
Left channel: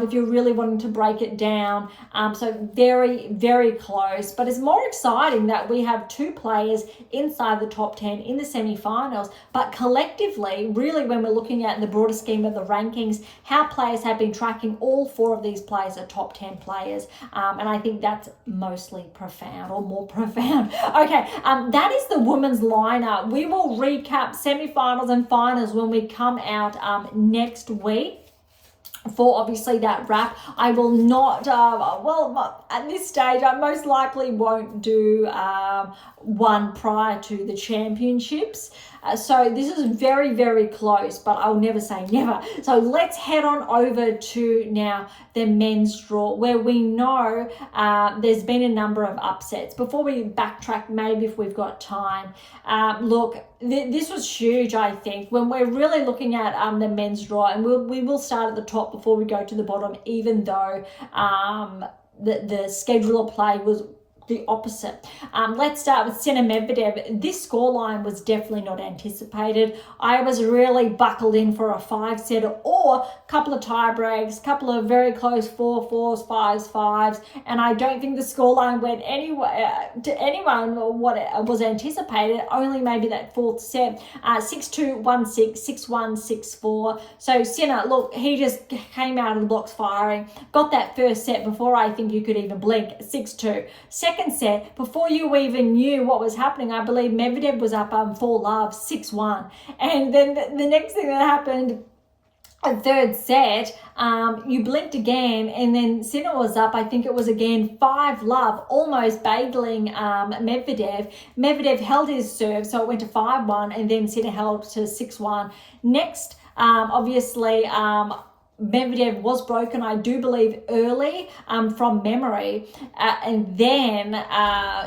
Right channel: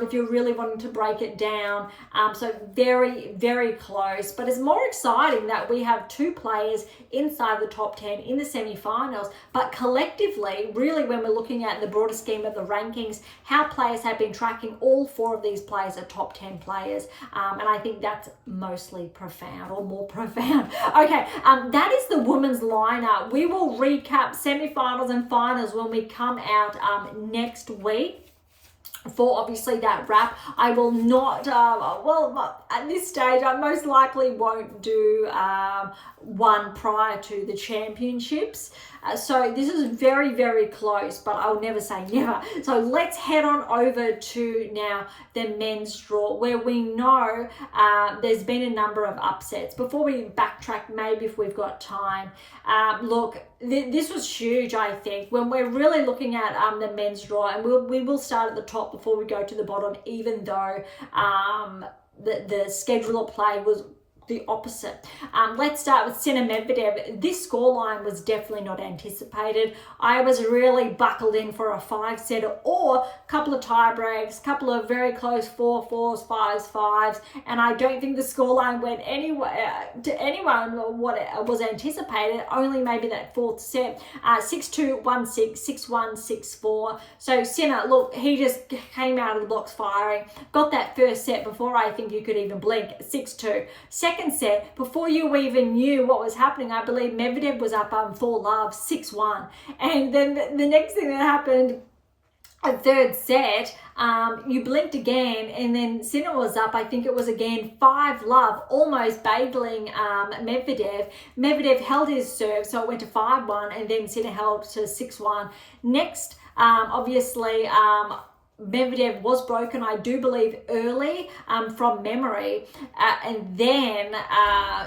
if you're really wanting to break it down. So very, very close. But it's more exciting that we have two players inside the top 10 in the semi-finals. But collectively, really, when we're looking at the broader scheme of the rankings, how players have been tracking, all four of these players are top 10 players. And I think that's mostly profound, or more profound. Okay, that is the women's lineup. We will recap semi-finals and finals when we come out next week for obviously that wrap. I will not, at this stage, I most likely won't do one prior to the championships. So this is very, very close, but I'll never say never. So let's head on over to now the men's draw, where we know there's been a number of upsets. Before we backtrack, maybe if we've got time, look, this was huge, I think, when we're really looking at the men's draw, and we will start at the top before we go to the bottom, even though the schedule of play was the opposite. Let's start with Sinner Medvedev. This scoreline was definitely not anticipated. I was really buckled in for a 5-setter or a couple of tie breaks, a couple of very close 4-4s, 5-5s, and I don't think the scoreline went anywhere to anyone what it was anticipated. Only maybe that fourth set, 6-2, 1-6, 6-1, 6-4. So Sinner, look, he just came out of the blocks firing. Got that first set before I think you could even blink, 6-2. Second set, before you even knew what was happening, I believe Medvedev was up 4-love, 6-1. And then the next thing that happened, a third set, you blinked again, and then Sinner was up, I think it was again 5-love, almost bageling Medvedev. Medvedev held his serve, so it went to 5-1, and then Sinner held to 6-1. Next, obviously, Medvedev was broken, I do believe, early from memory, and then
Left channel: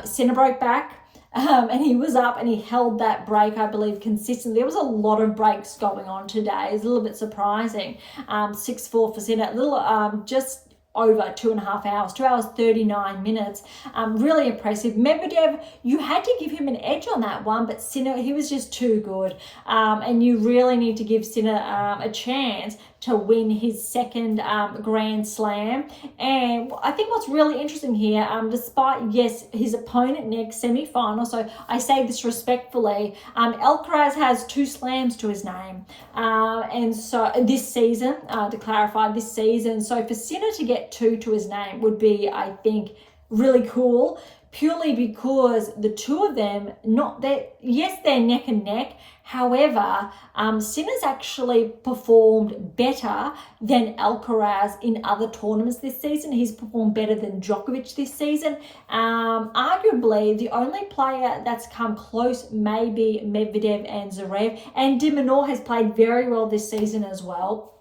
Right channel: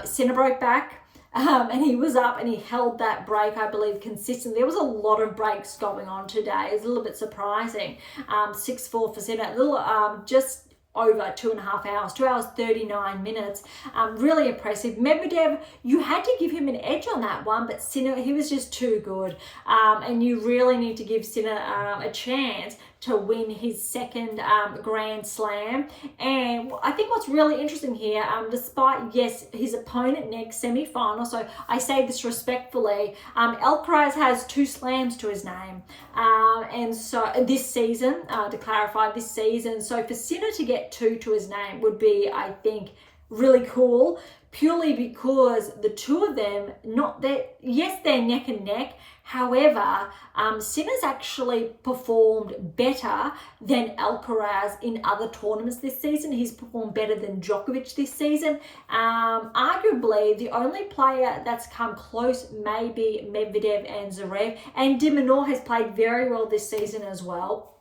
Sinner broke back, and he was up and he held that break, I believe, consistently. There was a lot of breaks going on today. It's a little bit surprising. 6-4 for Sinner, a little just over 2.5 hours, 2 hours 39 minutes. Really impressive. Medvedev, you had to give him an edge on that one, but Sinner, he was just too good, and you really need to give Sinner a chance to win his second Grand Slam. And I think what's really interesting here, despite, yes, his opponent next semi-final, so I say this respectfully, Alcaraz has 2 slams to his name. And so this season, to clarify, this season, so for Sinner to get 2 to his name would be, I think, really cool, purely because the two of them, yes, they're neck and neck. However, Sinner's actually performed better than Alcaraz in other tournaments this season. He's performed better than Djokovic this season. Arguably, the only player that's come close may be Medvedev and Zverev. And Dimitrov has played very well this season as well.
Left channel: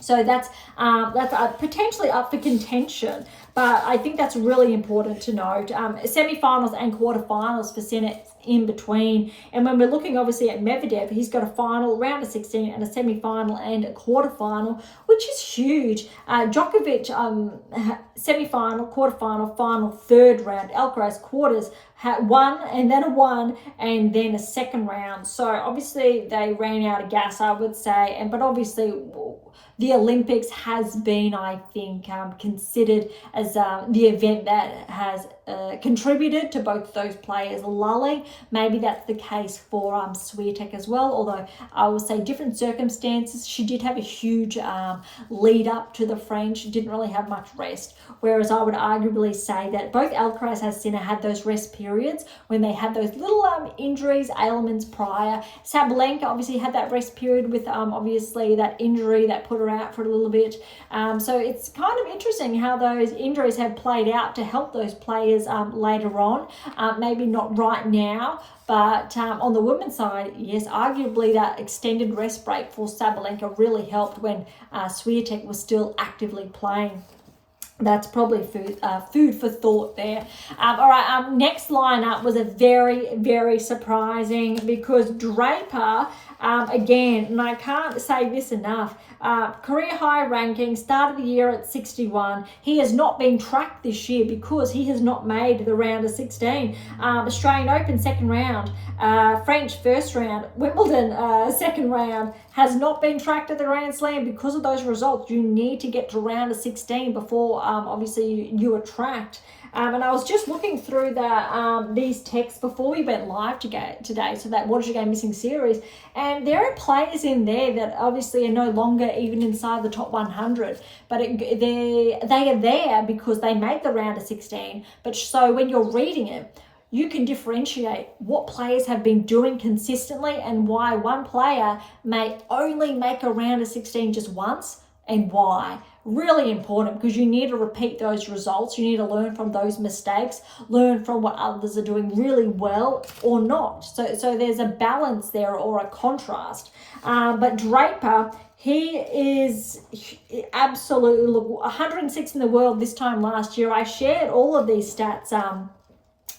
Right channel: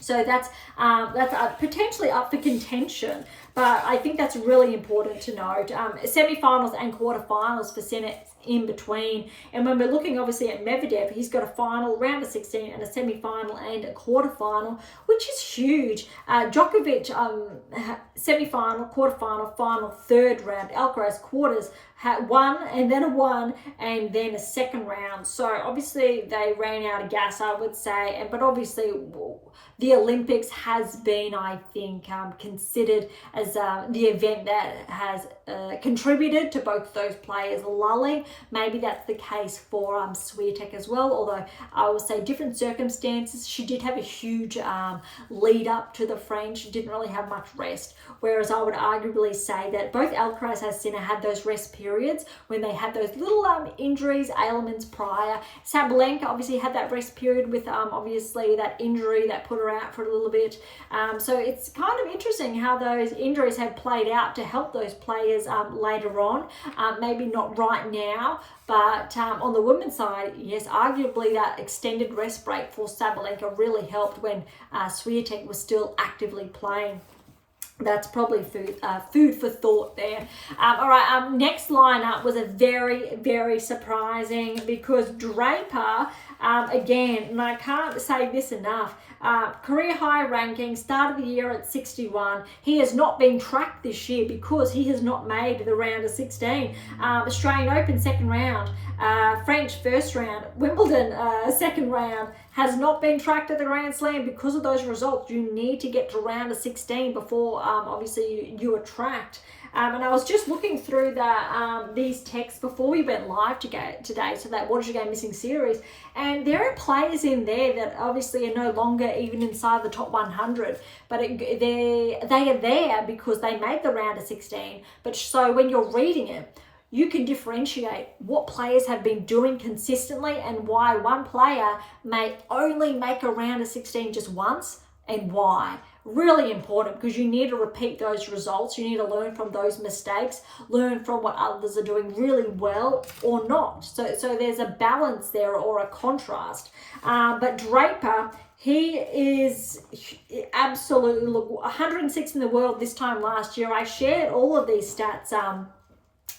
So that's potentially up for contention. But I think that's really important to note. Semi-finals and quarterfinals for Sinner in between. And when we're looking obviously at Medvedev, he's got a final, round of 16, and a semi-final and a quarterfinal, which is huge. Djokovic, semi-final, quarterfinal, final, third round. Alcaraz quarters, had one and then a one and then a second round. So obviously they ran out of gas, I would say. But obviously the Olympics has been, I think, considered as the event that has contributed to both those players lulling. Maybe that's the case for Swiatek as well, although I would say different circumstances. She did have a huge lead up to the French. She didn't really have much rest, whereas I would arguably say that both Alcaraz and Sinner had those rest periods when they had those little injuries, ailments prior. Sabalenka obviously had that rest period with obviously that injury that put her out for a little bit. So it's kind of interesting how those injuries had played out to help those players later on. Maybe not right now, but on the women's side, yes, arguably that extended rest break for Sabalenka really helped when Swiatek was still actively playing. That's probably food for thought there. All right, next lineup was a very, very surprising, because Draper Again, and I can't say this enough, career high ranking, started the year at 61. He has not been tracked this year because he has not made the round of 16. Australian Open second round, French first round, Wimbledon second round, has not been tracked at the Grand Slam because of those results. You need to get to round of 16 before obviously you are tracked. And I was just looking through these texts before we went live today, so that What Is Your Game Missing series, and there are players in there that obviously are no longer even inside the top 100, but they are there because they made the round of 16. But so when you're reading it, you can differentiate what players have been doing consistently and why one player may only make a round of 16 just once and why. Really important, because you need to repeat those results. You need to learn from those mistakes, learn from what others are doing really well or not. So there's a balance there or a contrast. But Draper, he is absolutely, look, 106 in the world this time last year. I shared all of these stats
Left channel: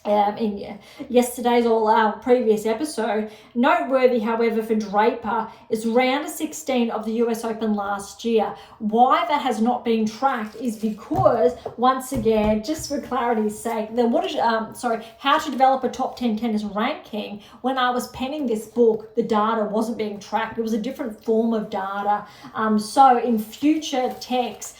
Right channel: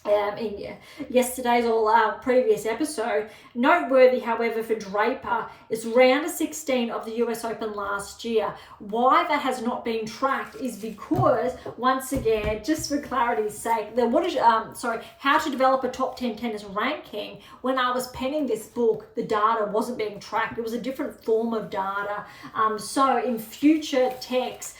in yesterday's or previous episode. Noteworthy, however, for Draper is round of 16 of the US Open last year. Why that has not been tracked is because, once again, just for clarity's sake, How to Develop a Top 10 Tennis Ranking, when I was penning this book, the data wasn't being tracked. It was a different form of data. So in future texts,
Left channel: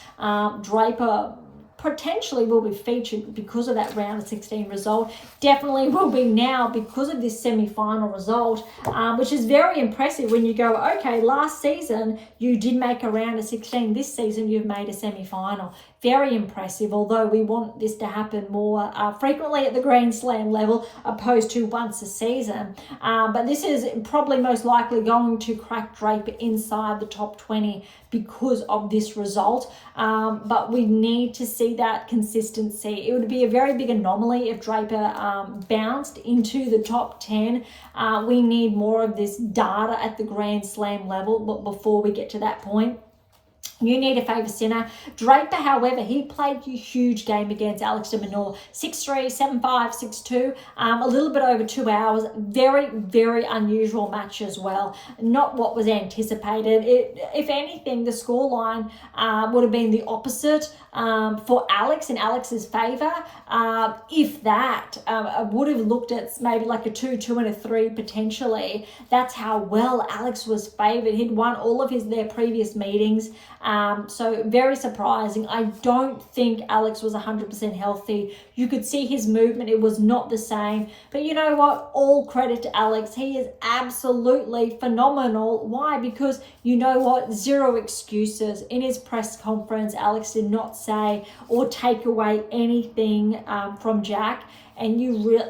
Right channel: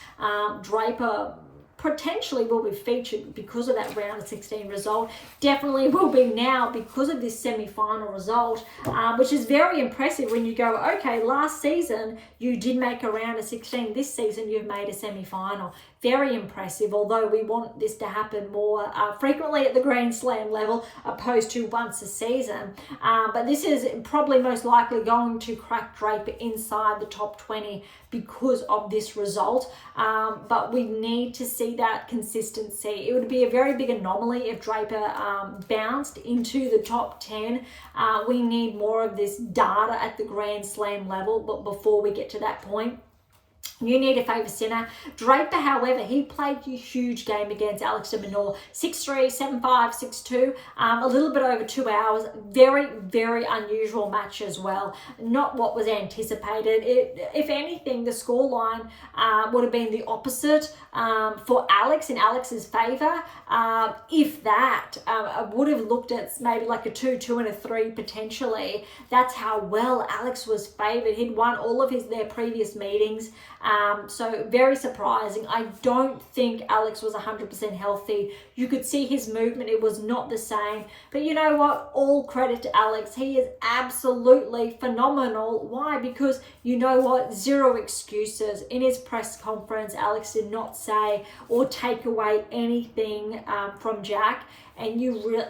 Draper potentially will be featured because of that round of 16 result. Definitely will be now because of this semi-final result, which is very impressive when you go, okay, last season you did make a round of 16, this season you've made a semi-final. Very impressive, although we want this to happen more frequently at the Grand Slam level opposed to once a season. But this is probably most likely going to crack Draper inside the top 20 because of this result. But we need to see that consistency. It would be a very big anomaly if Draper bounced into the top 10. We need more of this data at the Grand Slam level, but before we get to that point, you need a favour sinner. Draper, however, he played a huge game against Alex de Minaur. 6-3, 7-5, 6-2, a little bit over 2 hours. Very, very unusual match as well. Not what was anticipated. If anything, the scoreline would have been the opposite for Alex, in Alex's favour. If that, I would have looked at maybe like a 2-2 and a 3 potentially. That's how well Alex was favoured. He'd won all of their previous meetings. So very surprising. I don't think Alex was 100% healthy. You could see his movement. It was not the same. But you know what? All credit to Alex. He is absolutely phenomenal. Why? Because you know what? Zero excuses. In his press conference, Alex did not say or take away anything from Jack. And you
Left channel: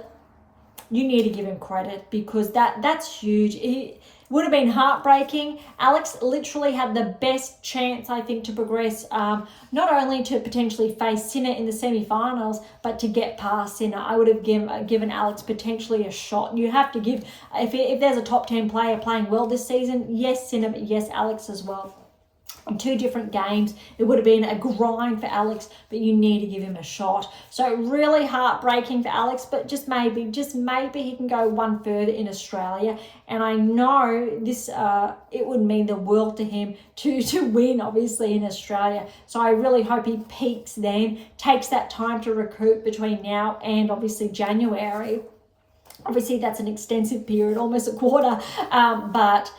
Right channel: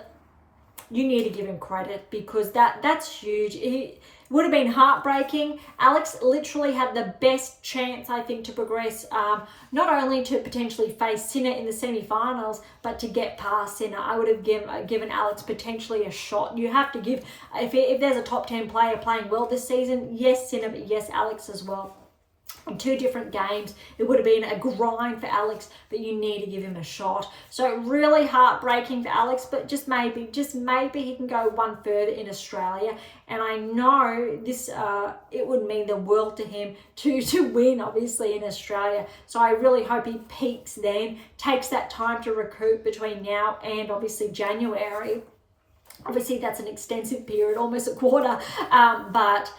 need to give him credit, because that's huge. It would have been heartbreaking. Alex literally had the best chance, I think, to progress, not only to potentially face Sinner in the semi-finals, but to get past Sinner. I would have given Alex potentially a shot. You have to give, if there's a top 10 player playing well this season, yes, Sinner, but yes, Alex as well. In 2 different games, it would have been a grind for Alex, but you need to give him a shot. So really heartbreaking for Alex, but just maybe he can go one further in Australia. And I know this, it would mean the world to him to win, obviously, in Australia. So I really hope he peaks then, takes that time to recoup between now and obviously January. Obviously, that's an extensive period, almost a quarter, but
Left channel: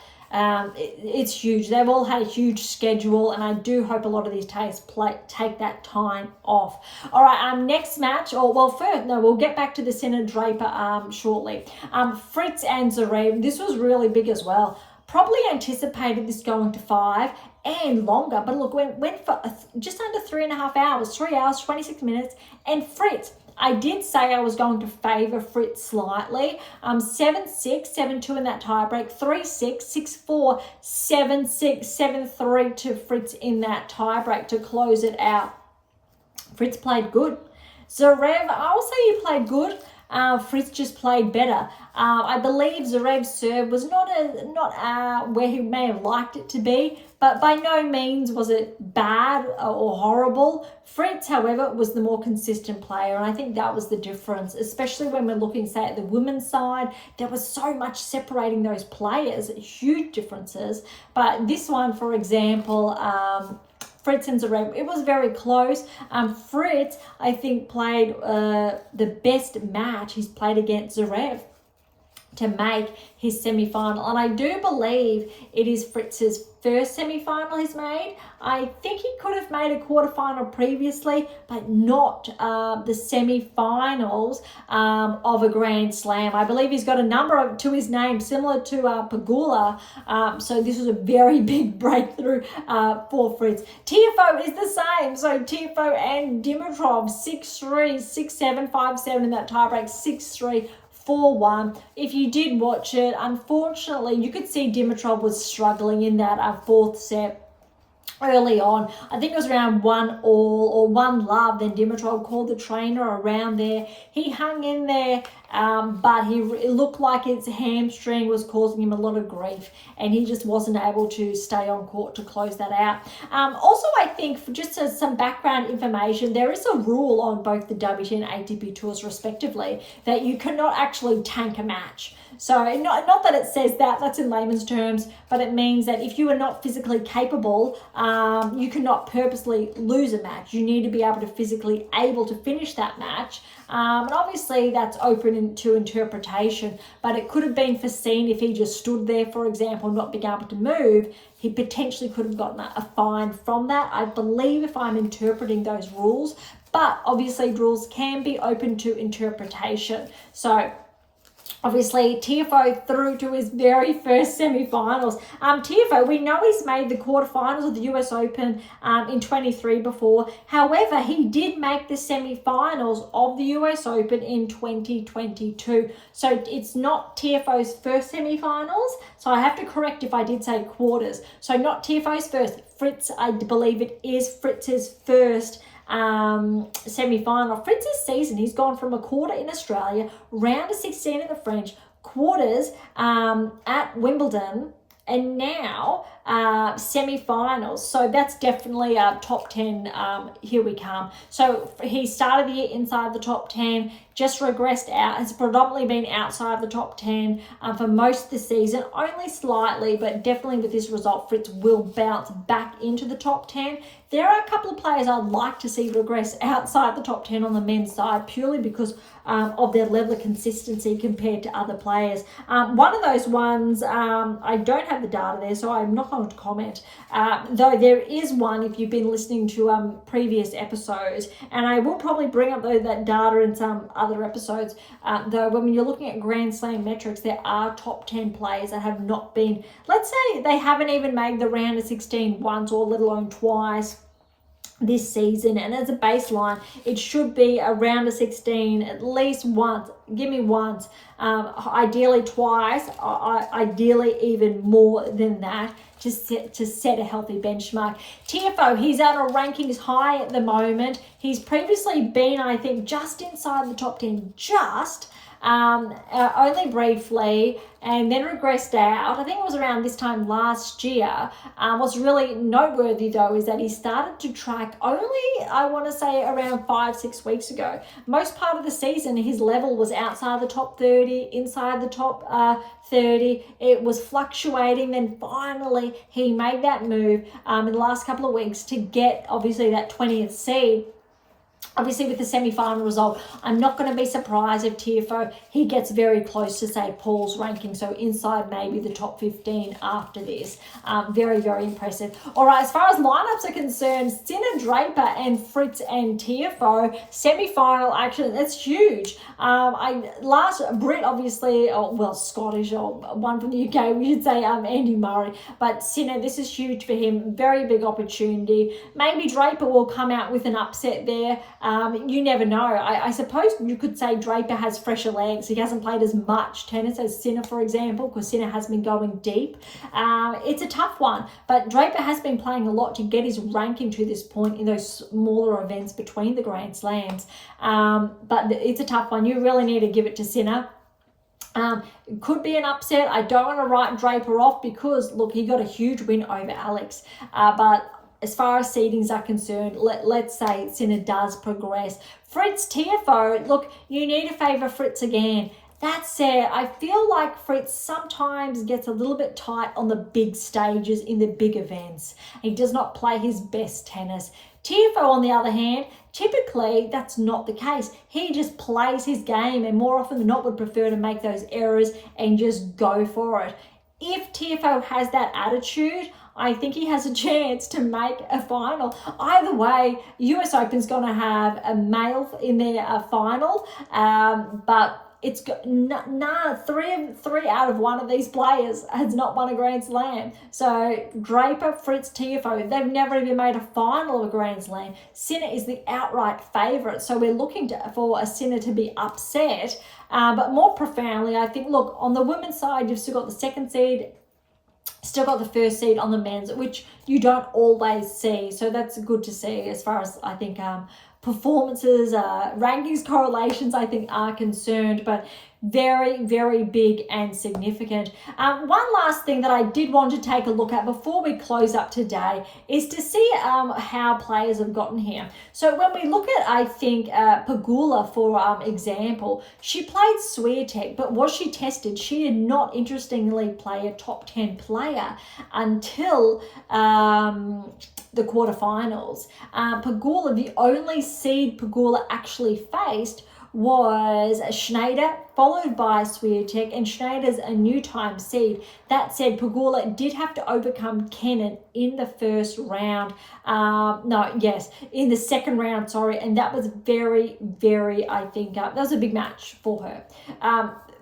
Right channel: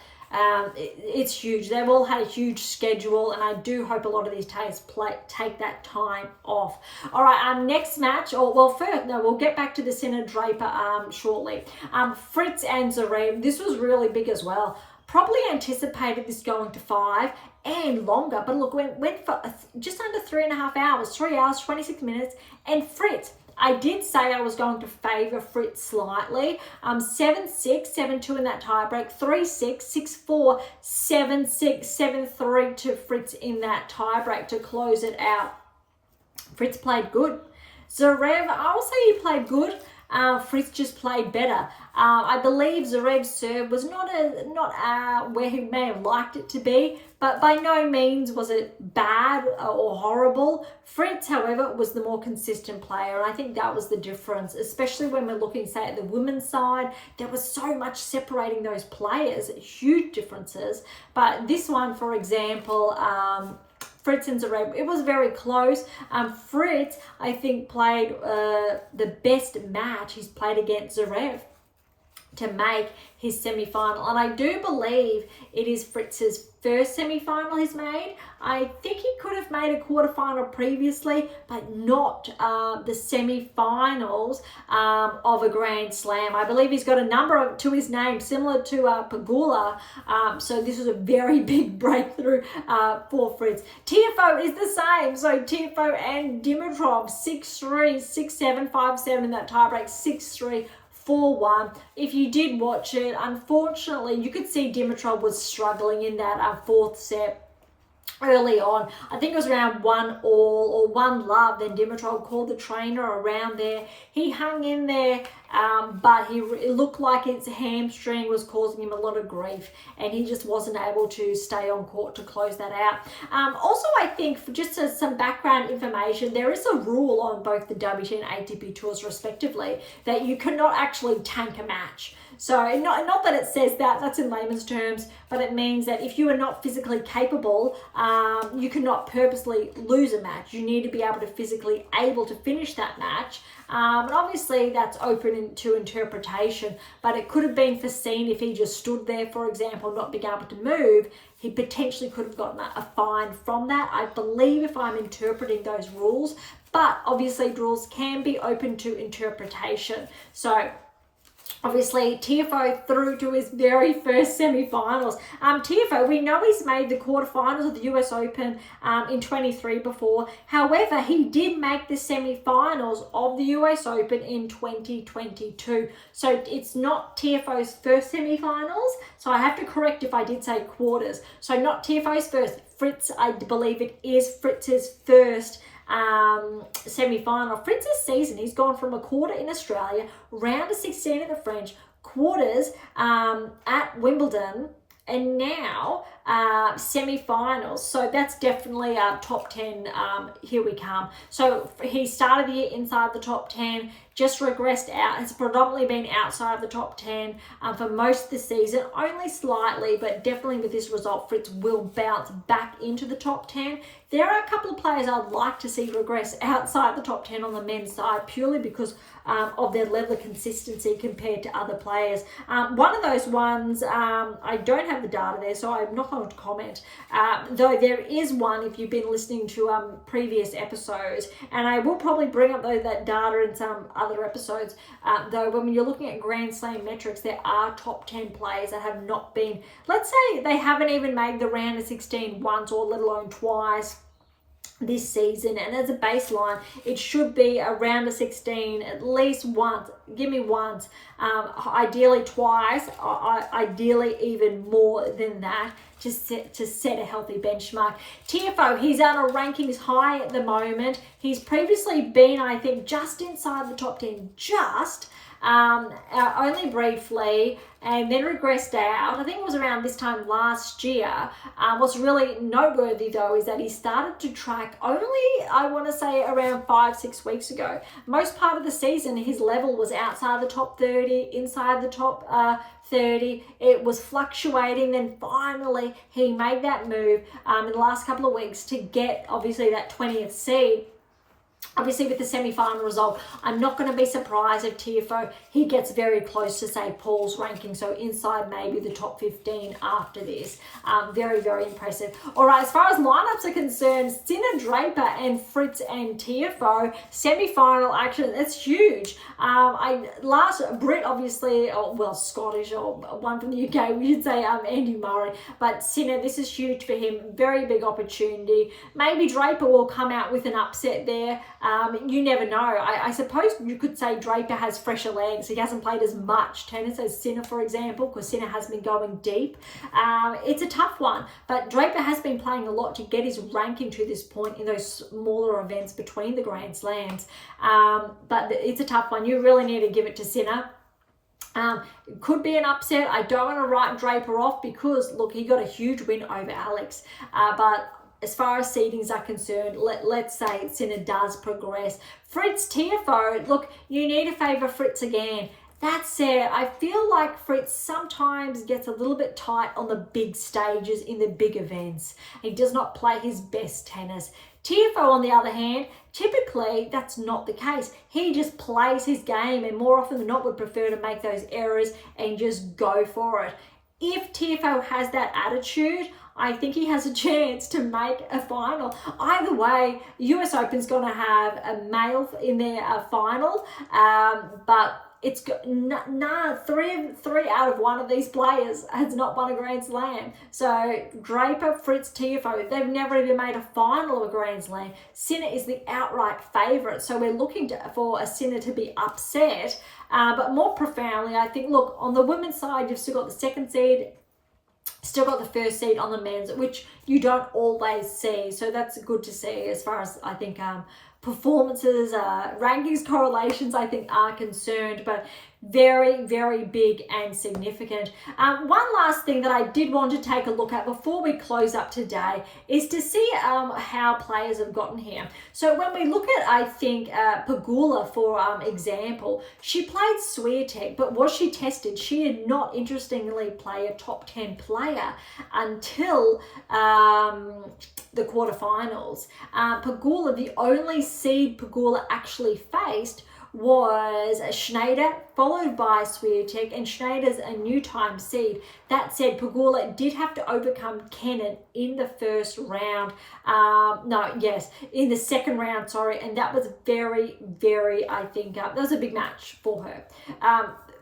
it's huge. They've all had a huge schedule, and I do hope a lot of these take that time off. All right, next match, we'll get back to the Sinner Draper shortly. Fritz and Zverev, this was really big as well. Probably anticipated this going to 5 and longer, but look, went for just under 3.5 hours, 3 hours, 26 minutes, and Fritz, I did say I was going to favour Fritz slightly. 7-6, 7-2 in that tiebreak, 3-6, 6-4, 7-6, 7-3 to Fritz in that tiebreak to close it out. Fritz played good. Zverev, I'll say he played good. Fritz just played better. I believe Zverev's serve was not where he may have liked it to be, but by no means was it bad or horrible. Fritz, however, was the more consistent player, and I think that was the difference, especially when we're looking, say, at the women's side. There was so much separating those players, huge differences. But this one, for example, Fritz and Zverev, it was very close. Fritz, I think, played the best match he's played against Zverev to make his semi-final, and I do believe it is Fritz's first semi-final he's made. I think he could have made a quarterfinal previously, but not the semi-finals of a Grand Slam. I believe he's got a number to his name similar to Pegula, so this was a very big breakthrough for Fritz. Tiafoe is the same, so Tiafoe and Dimitrov 6-3, 6-7, 5-7 in that tiebreak, 6-3. 4-1. If you did watch it, unfortunately, you could see Dimitrov was struggling in that fourth set early on. I think it was around 1-1 or 1-1. Then Dimitrov called the trainer around there. He hung in there, but it looked like his hamstring was causing him a lot of grief, and he just wasn't able to stay on court to close that out. Also, I think, for just some background information, there is a rule on both the WTA and ATP tours, respectively, that you cannot actually tank a match. So not that it says that, that's in layman's terms, but it means that if you are not physically capable, you cannot purposely lose a match. You need to be physically able to finish that match. And obviously that's open to interpretation, but it could have been foreseen if he just stood there, for example, not being able to move. He potentially could have gotten a fine from that, I believe, if I'm interpreting those rules. But obviously rules can be open to interpretation. So obviously, Tiafoe through to his very first semi-finals. Tiafoe, we know he's made the quarterfinals of the US Open in 23 before. However, he did make the semi-finals of the US Open in 2022. So it's not Tiafoe's first semi-finals. So I have to correct if I did say quarters. So not Tiafoe's first. Fritz, I believe it is Fritz's first semi-final. Fritz's season, he's gone from a quarter in Australia, round of 16 at the French, quarters at Wimbledon, and now semi-finals. So that's definitely a top 10. Here we come. So he started the year inside the top 10, just regressed out, has predominantly been outside of the top 10 for most of the season, only slightly, but definitely with this result, Fritz will bounce back into the top 10. There are a couple of players I'd like to see regress outside the top 10 on the men's side, purely because of their level of consistency compared to other players. One of those ones, I don't have the data there, so I'm not going to comment, though there is one if you've been listening to previous episodes, and I will probably bring up that data in some other episodes, though when you're looking at Grand Slam metrics, there are top 10 players that have not been, let's say they haven't even made the round of 16 once, or let alone twice this season. And as a baseline, it should be a round of 16 at least once. Give me once, ideally twice, ideally even more than that, to set a healthy benchmark. Tiafoe, he's on a rankings high at the moment. He's previously been, I think, just inside the top 10, only briefly, and then regressed out. I think it was around this time last year. What's really noteworthy, though, is that he started to track only, I want to say, around 5-6 weeks ago. Most part of the season, his level was outside the top 30, inside the top 30. It was fluctuating. Then finally, he made that move in the last couple of weeks to get, obviously, that 20th seed. Obviously, with the semi-final result, I'm not going to be surprised if Tiafoe, he gets very close to, say, Paul's ranking, so inside maybe the top 15 after this. Very, very impressive. All right, as far as lineups are concerned, Minaur Draper and Fritz and Tiafoe, semi-final action, that's huge. Last Brit, obviously, Scottish, or one from the UK, we should say Andy Murray, but Minaur, this is huge for him, very big opportunity. Maybe Draper will come out with an upset there. You never know. I suppose you could say Draper has fresher legs. He hasn't played as much tennis as Minaur, for example, because Minaur has been going deep. It's a tough one, but Draper has been playing a lot to get his ranking to this point in those smaller events between the Grand Slams. But it's a tough one. You really need to give it to Minaur. It could be an upset. I don't want to write Draper off because, look, he got a huge win over Alex. But as far as seedings are concerned, let's say Sinner does progress. Fritz, Tiafoe, look, you need to favour Fritz again. That said, I feel like Fritz sometimes gets a little bit tight on the big stages in the big events. He does not play his best tennis. Tiafoe, on the other hand, typically that's not the case. He just plays his game and more often than not would prefer to make those errors and just go for it. If Tiafoe has that attitude, I think he has a chance to make a final. Either way, US Open's going to have a male in their final, but it's got three out of one of these players has not won a Grand Slam. So Draper, Fritz, Tiafoe, they've never even made a final of a Grand Slam. Sinner is the outright favourite, so we're looking for a Sinner to be upset. But more profoundly, I think, look, on the women's side, you've still got the second seed, still got the first seed on the men's, which you don't always see. So that's good to see as far as, I think, performances, rankings, correlations, I think, are concerned, but very, very big and significant. One last thing that I did want to take a look at before we close up today is to see how players have gotten here. So when we look at, I think, Pegula, for example, she played Swiatek, but was she tested? She did not, interestingly, play a top 10 player until the quarterfinals. Pegula, the only seed Pegula actually faced was Schneider, followed by Swiatek, and Schneider's a new time seed. That said, Pegula did have to overcome Kenin in the first round. In the second round, sorry, and that was very, very, I think, that was a big match for her.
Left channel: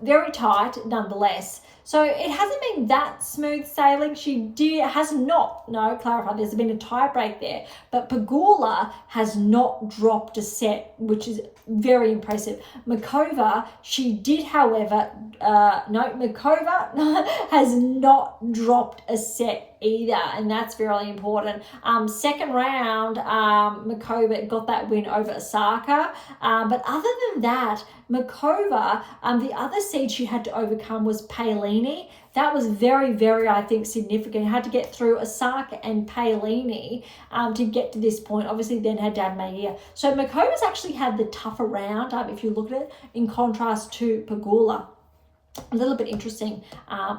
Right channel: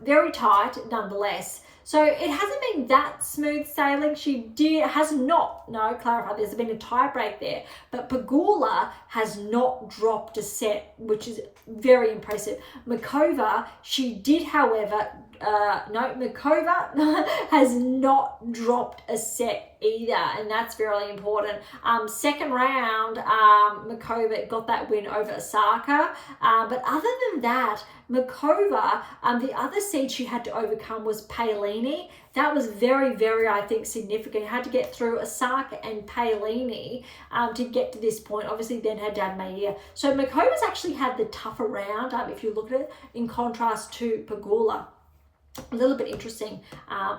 Very tight, nonetheless. So it hasn't been that smooth sailing. Clarify, there's been a tie break there, but Pegula has not dropped a set, which is very impressive. Makova, she did, however, Makova has not dropped a set either, and that's very important. Second round, Makova got that win over Osaka, but other than that, Makova, the other seed she had to overcome was Paolini. That was very, very, I think, significant. Had to get through Osaka and Paolini to get to this point. Obviously, then her dad Maia. So Makova's actually had the tougher round, if you look at it, in contrast to Pegula. A little bit interesting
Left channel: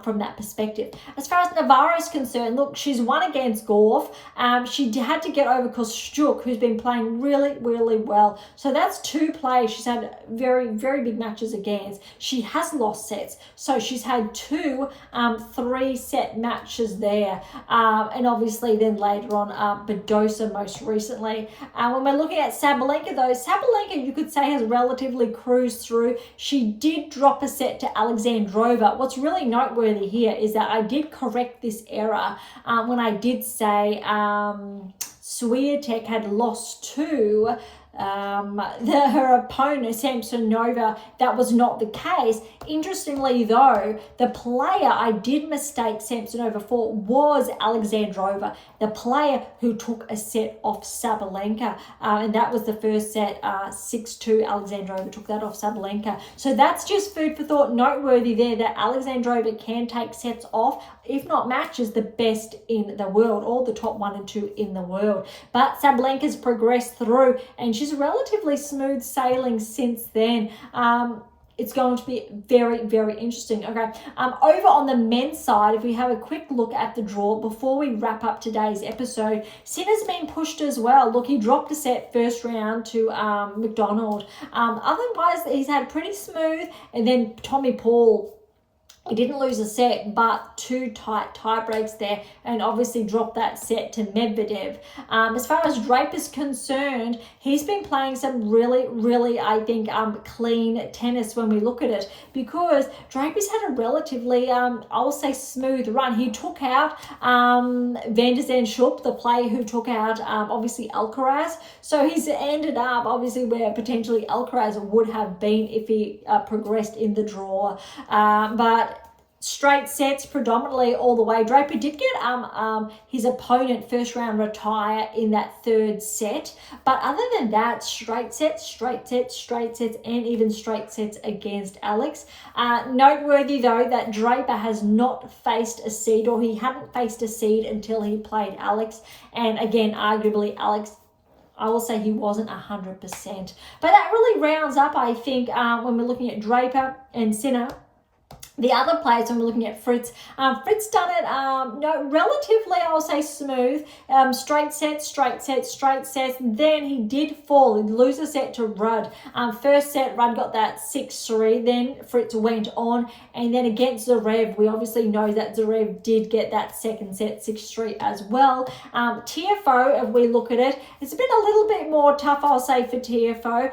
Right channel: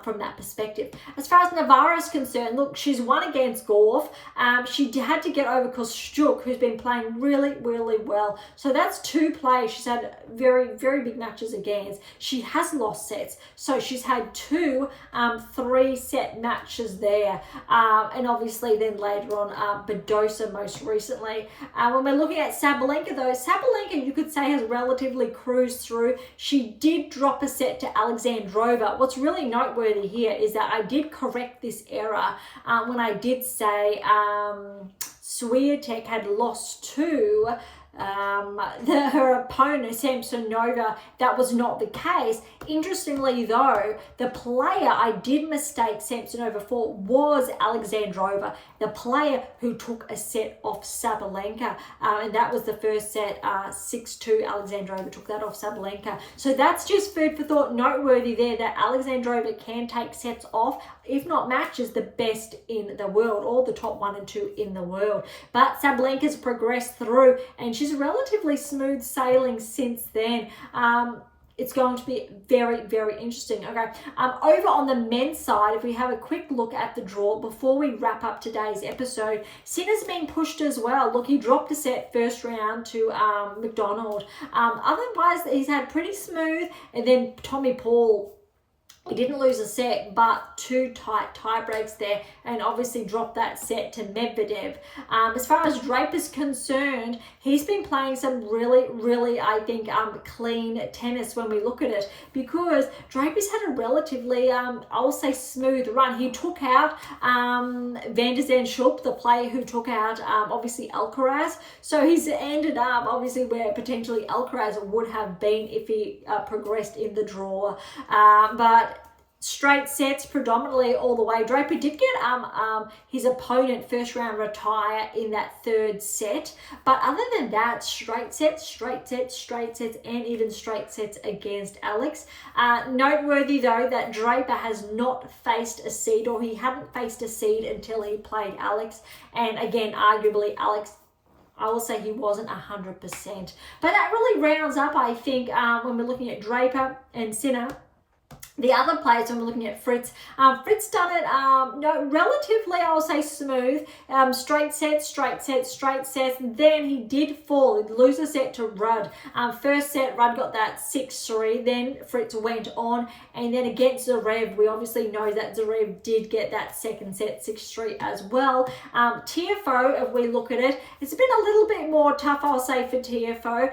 from that perspective. As far as Navarro is concerned, look, she's won against Gauff. She had to get over Kostyuk, who's been playing really, really well. So that's two players she's had very, very big matches against. She has lost sets. So she's had two 3-set matches there. And obviously then later on, Badosa most recently. When we're looking at Sabalenka, though, Sabalenka, you could say, has relatively cruised through. She did drop a set to Alexandrova. What's really noteworthy here is that I did correct this error when I did say Swiatek had lost to her opponent, Samsonova. That was not the case. Interestingly, though, the player I did mistake Samsonova for was Alexandrova, the player who took a set off Sabalenka, and that was the first set, 6-2. Alexandrova took that off Sabalenka. So that's just food for thought, noteworthy there, that Alexandrova can take sets off, if not matches, the best in the world, or the top 1 and 2 in the world. But Sabalenka's progressed through, and she's relatively smooth sailing since then. It's going to be very, very interesting. Okay, over on the men's side, if we have a quick look at the draw before we wrap up today's episode, Sinner's been pushed as well. Look, he dropped a set first round to McDonald. Otherwise, he's had pretty smooth. And then Tommy Paul, he didn't lose a set, but two tight tie breaks there, and obviously dropped that set to Medvedev. As far as Draper's concerned, he's been playing some really, really, I think, clean tennis when we look at it, because Draper's had a relatively, I'll say, smooth run. He took out Van der Zandschulp, the player who took out, obviously, Alcaraz. So he's ended up, obviously, where potentially Alcaraz would have been if he progressed in the draw. But straight sets predominantly all the way. Draper did get his opponent first round retire in that third set, but other than that, straight sets, and even straight sets against Alex. Noteworthy though that Draper has not faced a seed, or he hadn't faced a seed until he played Alex, and again, arguably Alex, I will say he wasn't 100%. But that really rounds up, I think, when we're looking at Draper and Sinner. The other players, when we're looking at Fritz, Fritz done it relatively, I'll say, smooth. Straight sets. Then he did fall. He'd lose a set to Rudd. First set, Rudd got that 6-3. Then Fritz went on. And then against Zverev, we obviously know that Zverev did get that second set 6-3 as well. Tiafoe, if we look at it, it's been a little bit more tough, I'll say, for Tiafoe.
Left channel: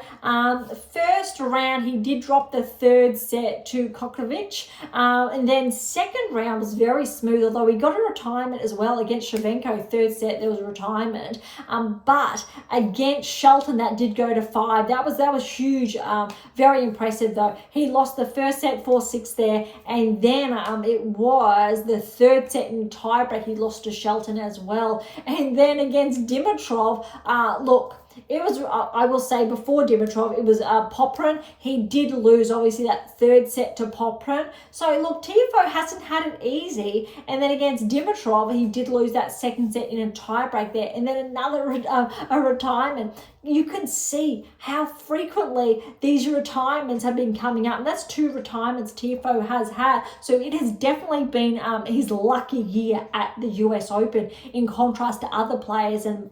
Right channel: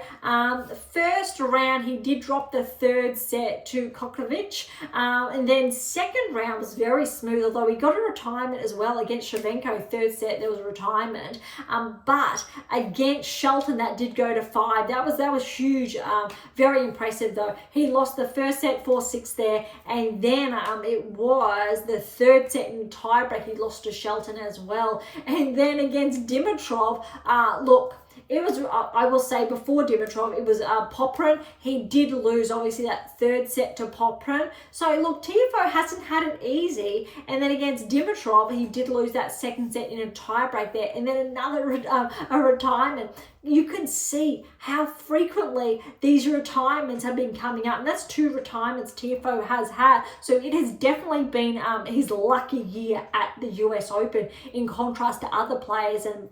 First round, he did drop the third set to Kokovic. And then second round was very smooth, although he got a retirement as well against Shevchenko. Third set, there was a retirement. But against Shelton, that did go to 5. That was huge. Very impressive, though. He lost the first set 4-6 there, and then it was the third set in tiebreak. He lost to Shelton as well. And then against Dimitrov, look, it was, I will say, before Dimitrov, it was Poprin. He did lose, obviously, that third set to Poprin. So, look, Tiafoe hasn't had it easy. And then against Dimitrov, he did lose that second set in a tiebreak there. And then another a retirement. You can see how frequently these retirements have been coming up. And that's 2 retirements Tiafoe has had. So it has definitely been his lucky year at the US Open, in contrast to other players and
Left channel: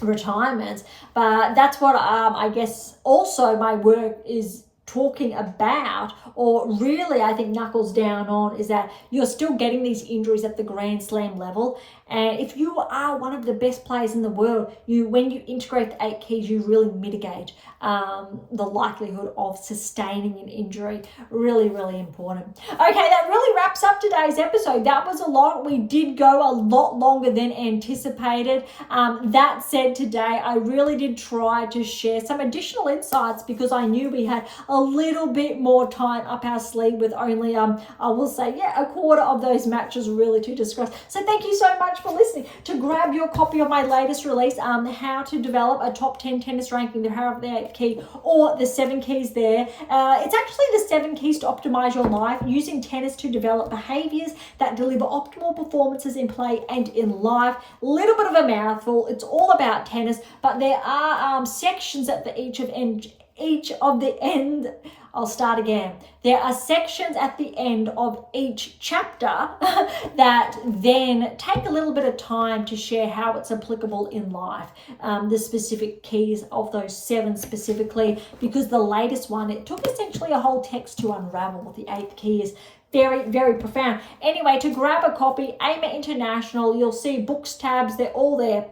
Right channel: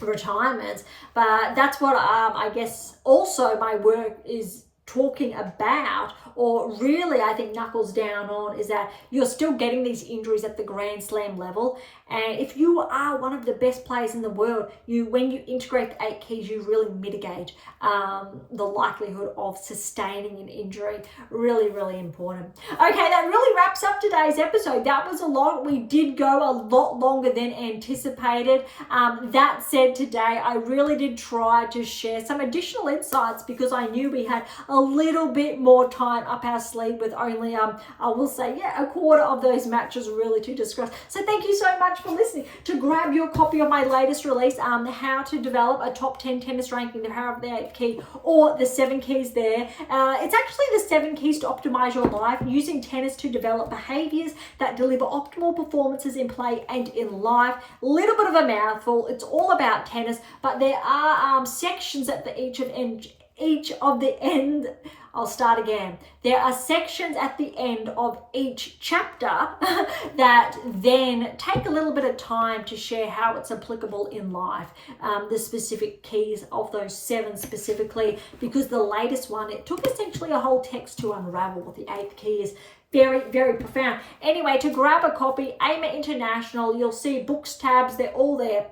retirements. But that's what I guess also my work is talking about, or really I think knuckles down on, is that you're still getting these injuries at the Grand Slam level. And if you are one of the best players in the world, when you integrate the 8 keys, you really mitigate the likelihood of sustaining an injury. Really, really important. Okay, that really wraps up today's episode. That was a lot. We did go a lot longer than anticipated. That said, today I really did try to share some additional insights, because I knew we had a little bit more time up our sleeve with only, I will say, a quarter of those matches really to discuss. So thank you so much for listening. To grab your copy of my latest release, how to develop a top 10 tennis ranking, the power of the 8 key, or the 7 keys there. It's actually the 7 keys to optimize your life, using tennis to develop behaviors that deliver optimal performances in play and in life. A little bit of a mouthful. It's all about tennis, but there are sections at each of the end. I'll start again. There are sections at the end of each chapter that then take a little bit of time to share how it's applicable in life. The specific keys of those 7 specifically, because the latest one, it took essentially a whole text to unravel what the 8th key is. Very, very profound. Anyway, to grab a copy, AM8 International, you'll see books tabs, they're all there.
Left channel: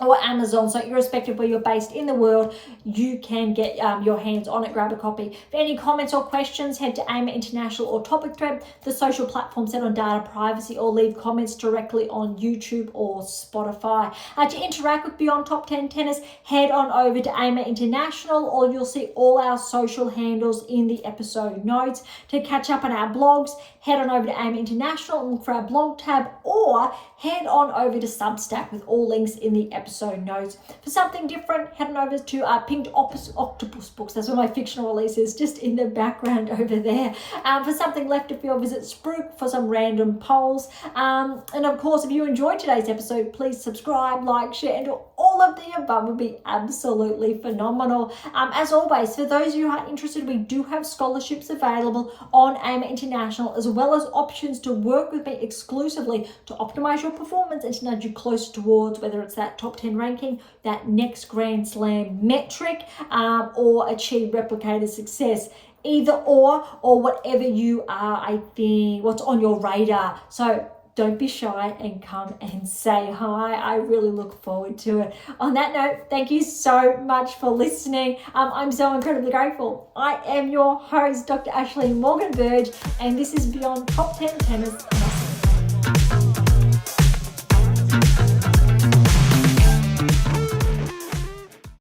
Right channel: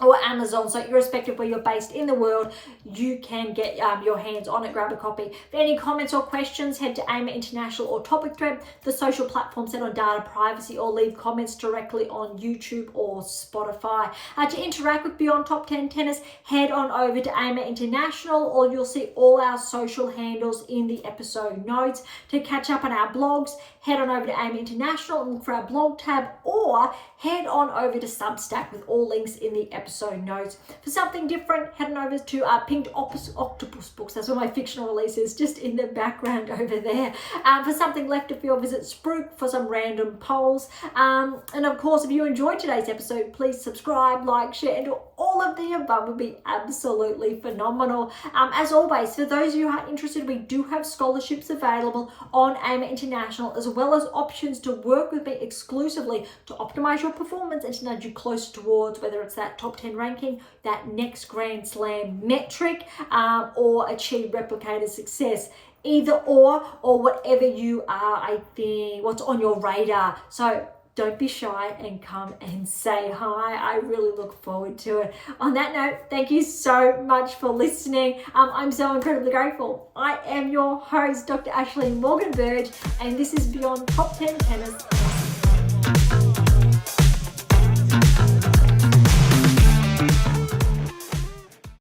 Or Amazon, so irrespective of where you're based in the world, you can get your hands on it. Grab a copy. For any comments or questions, head to AM8 International or Topic Thread, the social platform set on data privacy, or leave comments directly on YouTube or Spotify. To interact with Beyond Top 10 Tennis, head on over to AM8 International, or you'll see all our social handles in the episode notes. To catch up on our blogs, head on over to AM8 International and look for our blog tab, or head on over to Substack with all links in the episode notes. For something different, head on over to Pink Octopus Books. That's where my fictional release is, just in the background over there. For something left of field, visit Spruik for some random polls. And of course, if you enjoyed today's episode, please subscribe, like, share, and do all of the above would be absolutely phenomenal. As always, for those of you who are interested, we do have scholarships available on AM8 International, as well as options to work with me exclusively to optimize your performance and to nudge you closer towards whether it's that top 10 ranking, that next Grand Slam metric, or achieve replicated success. Either or whatever you are, I think, what's on your radar. So don't be shy and come and say hi. I really look forward to it. On that note, thank you so much for listening. I'm so incredibly grateful. I am your host, Dr. Ashley Morgan Berge, and this is Beyond Top 10 Tennis.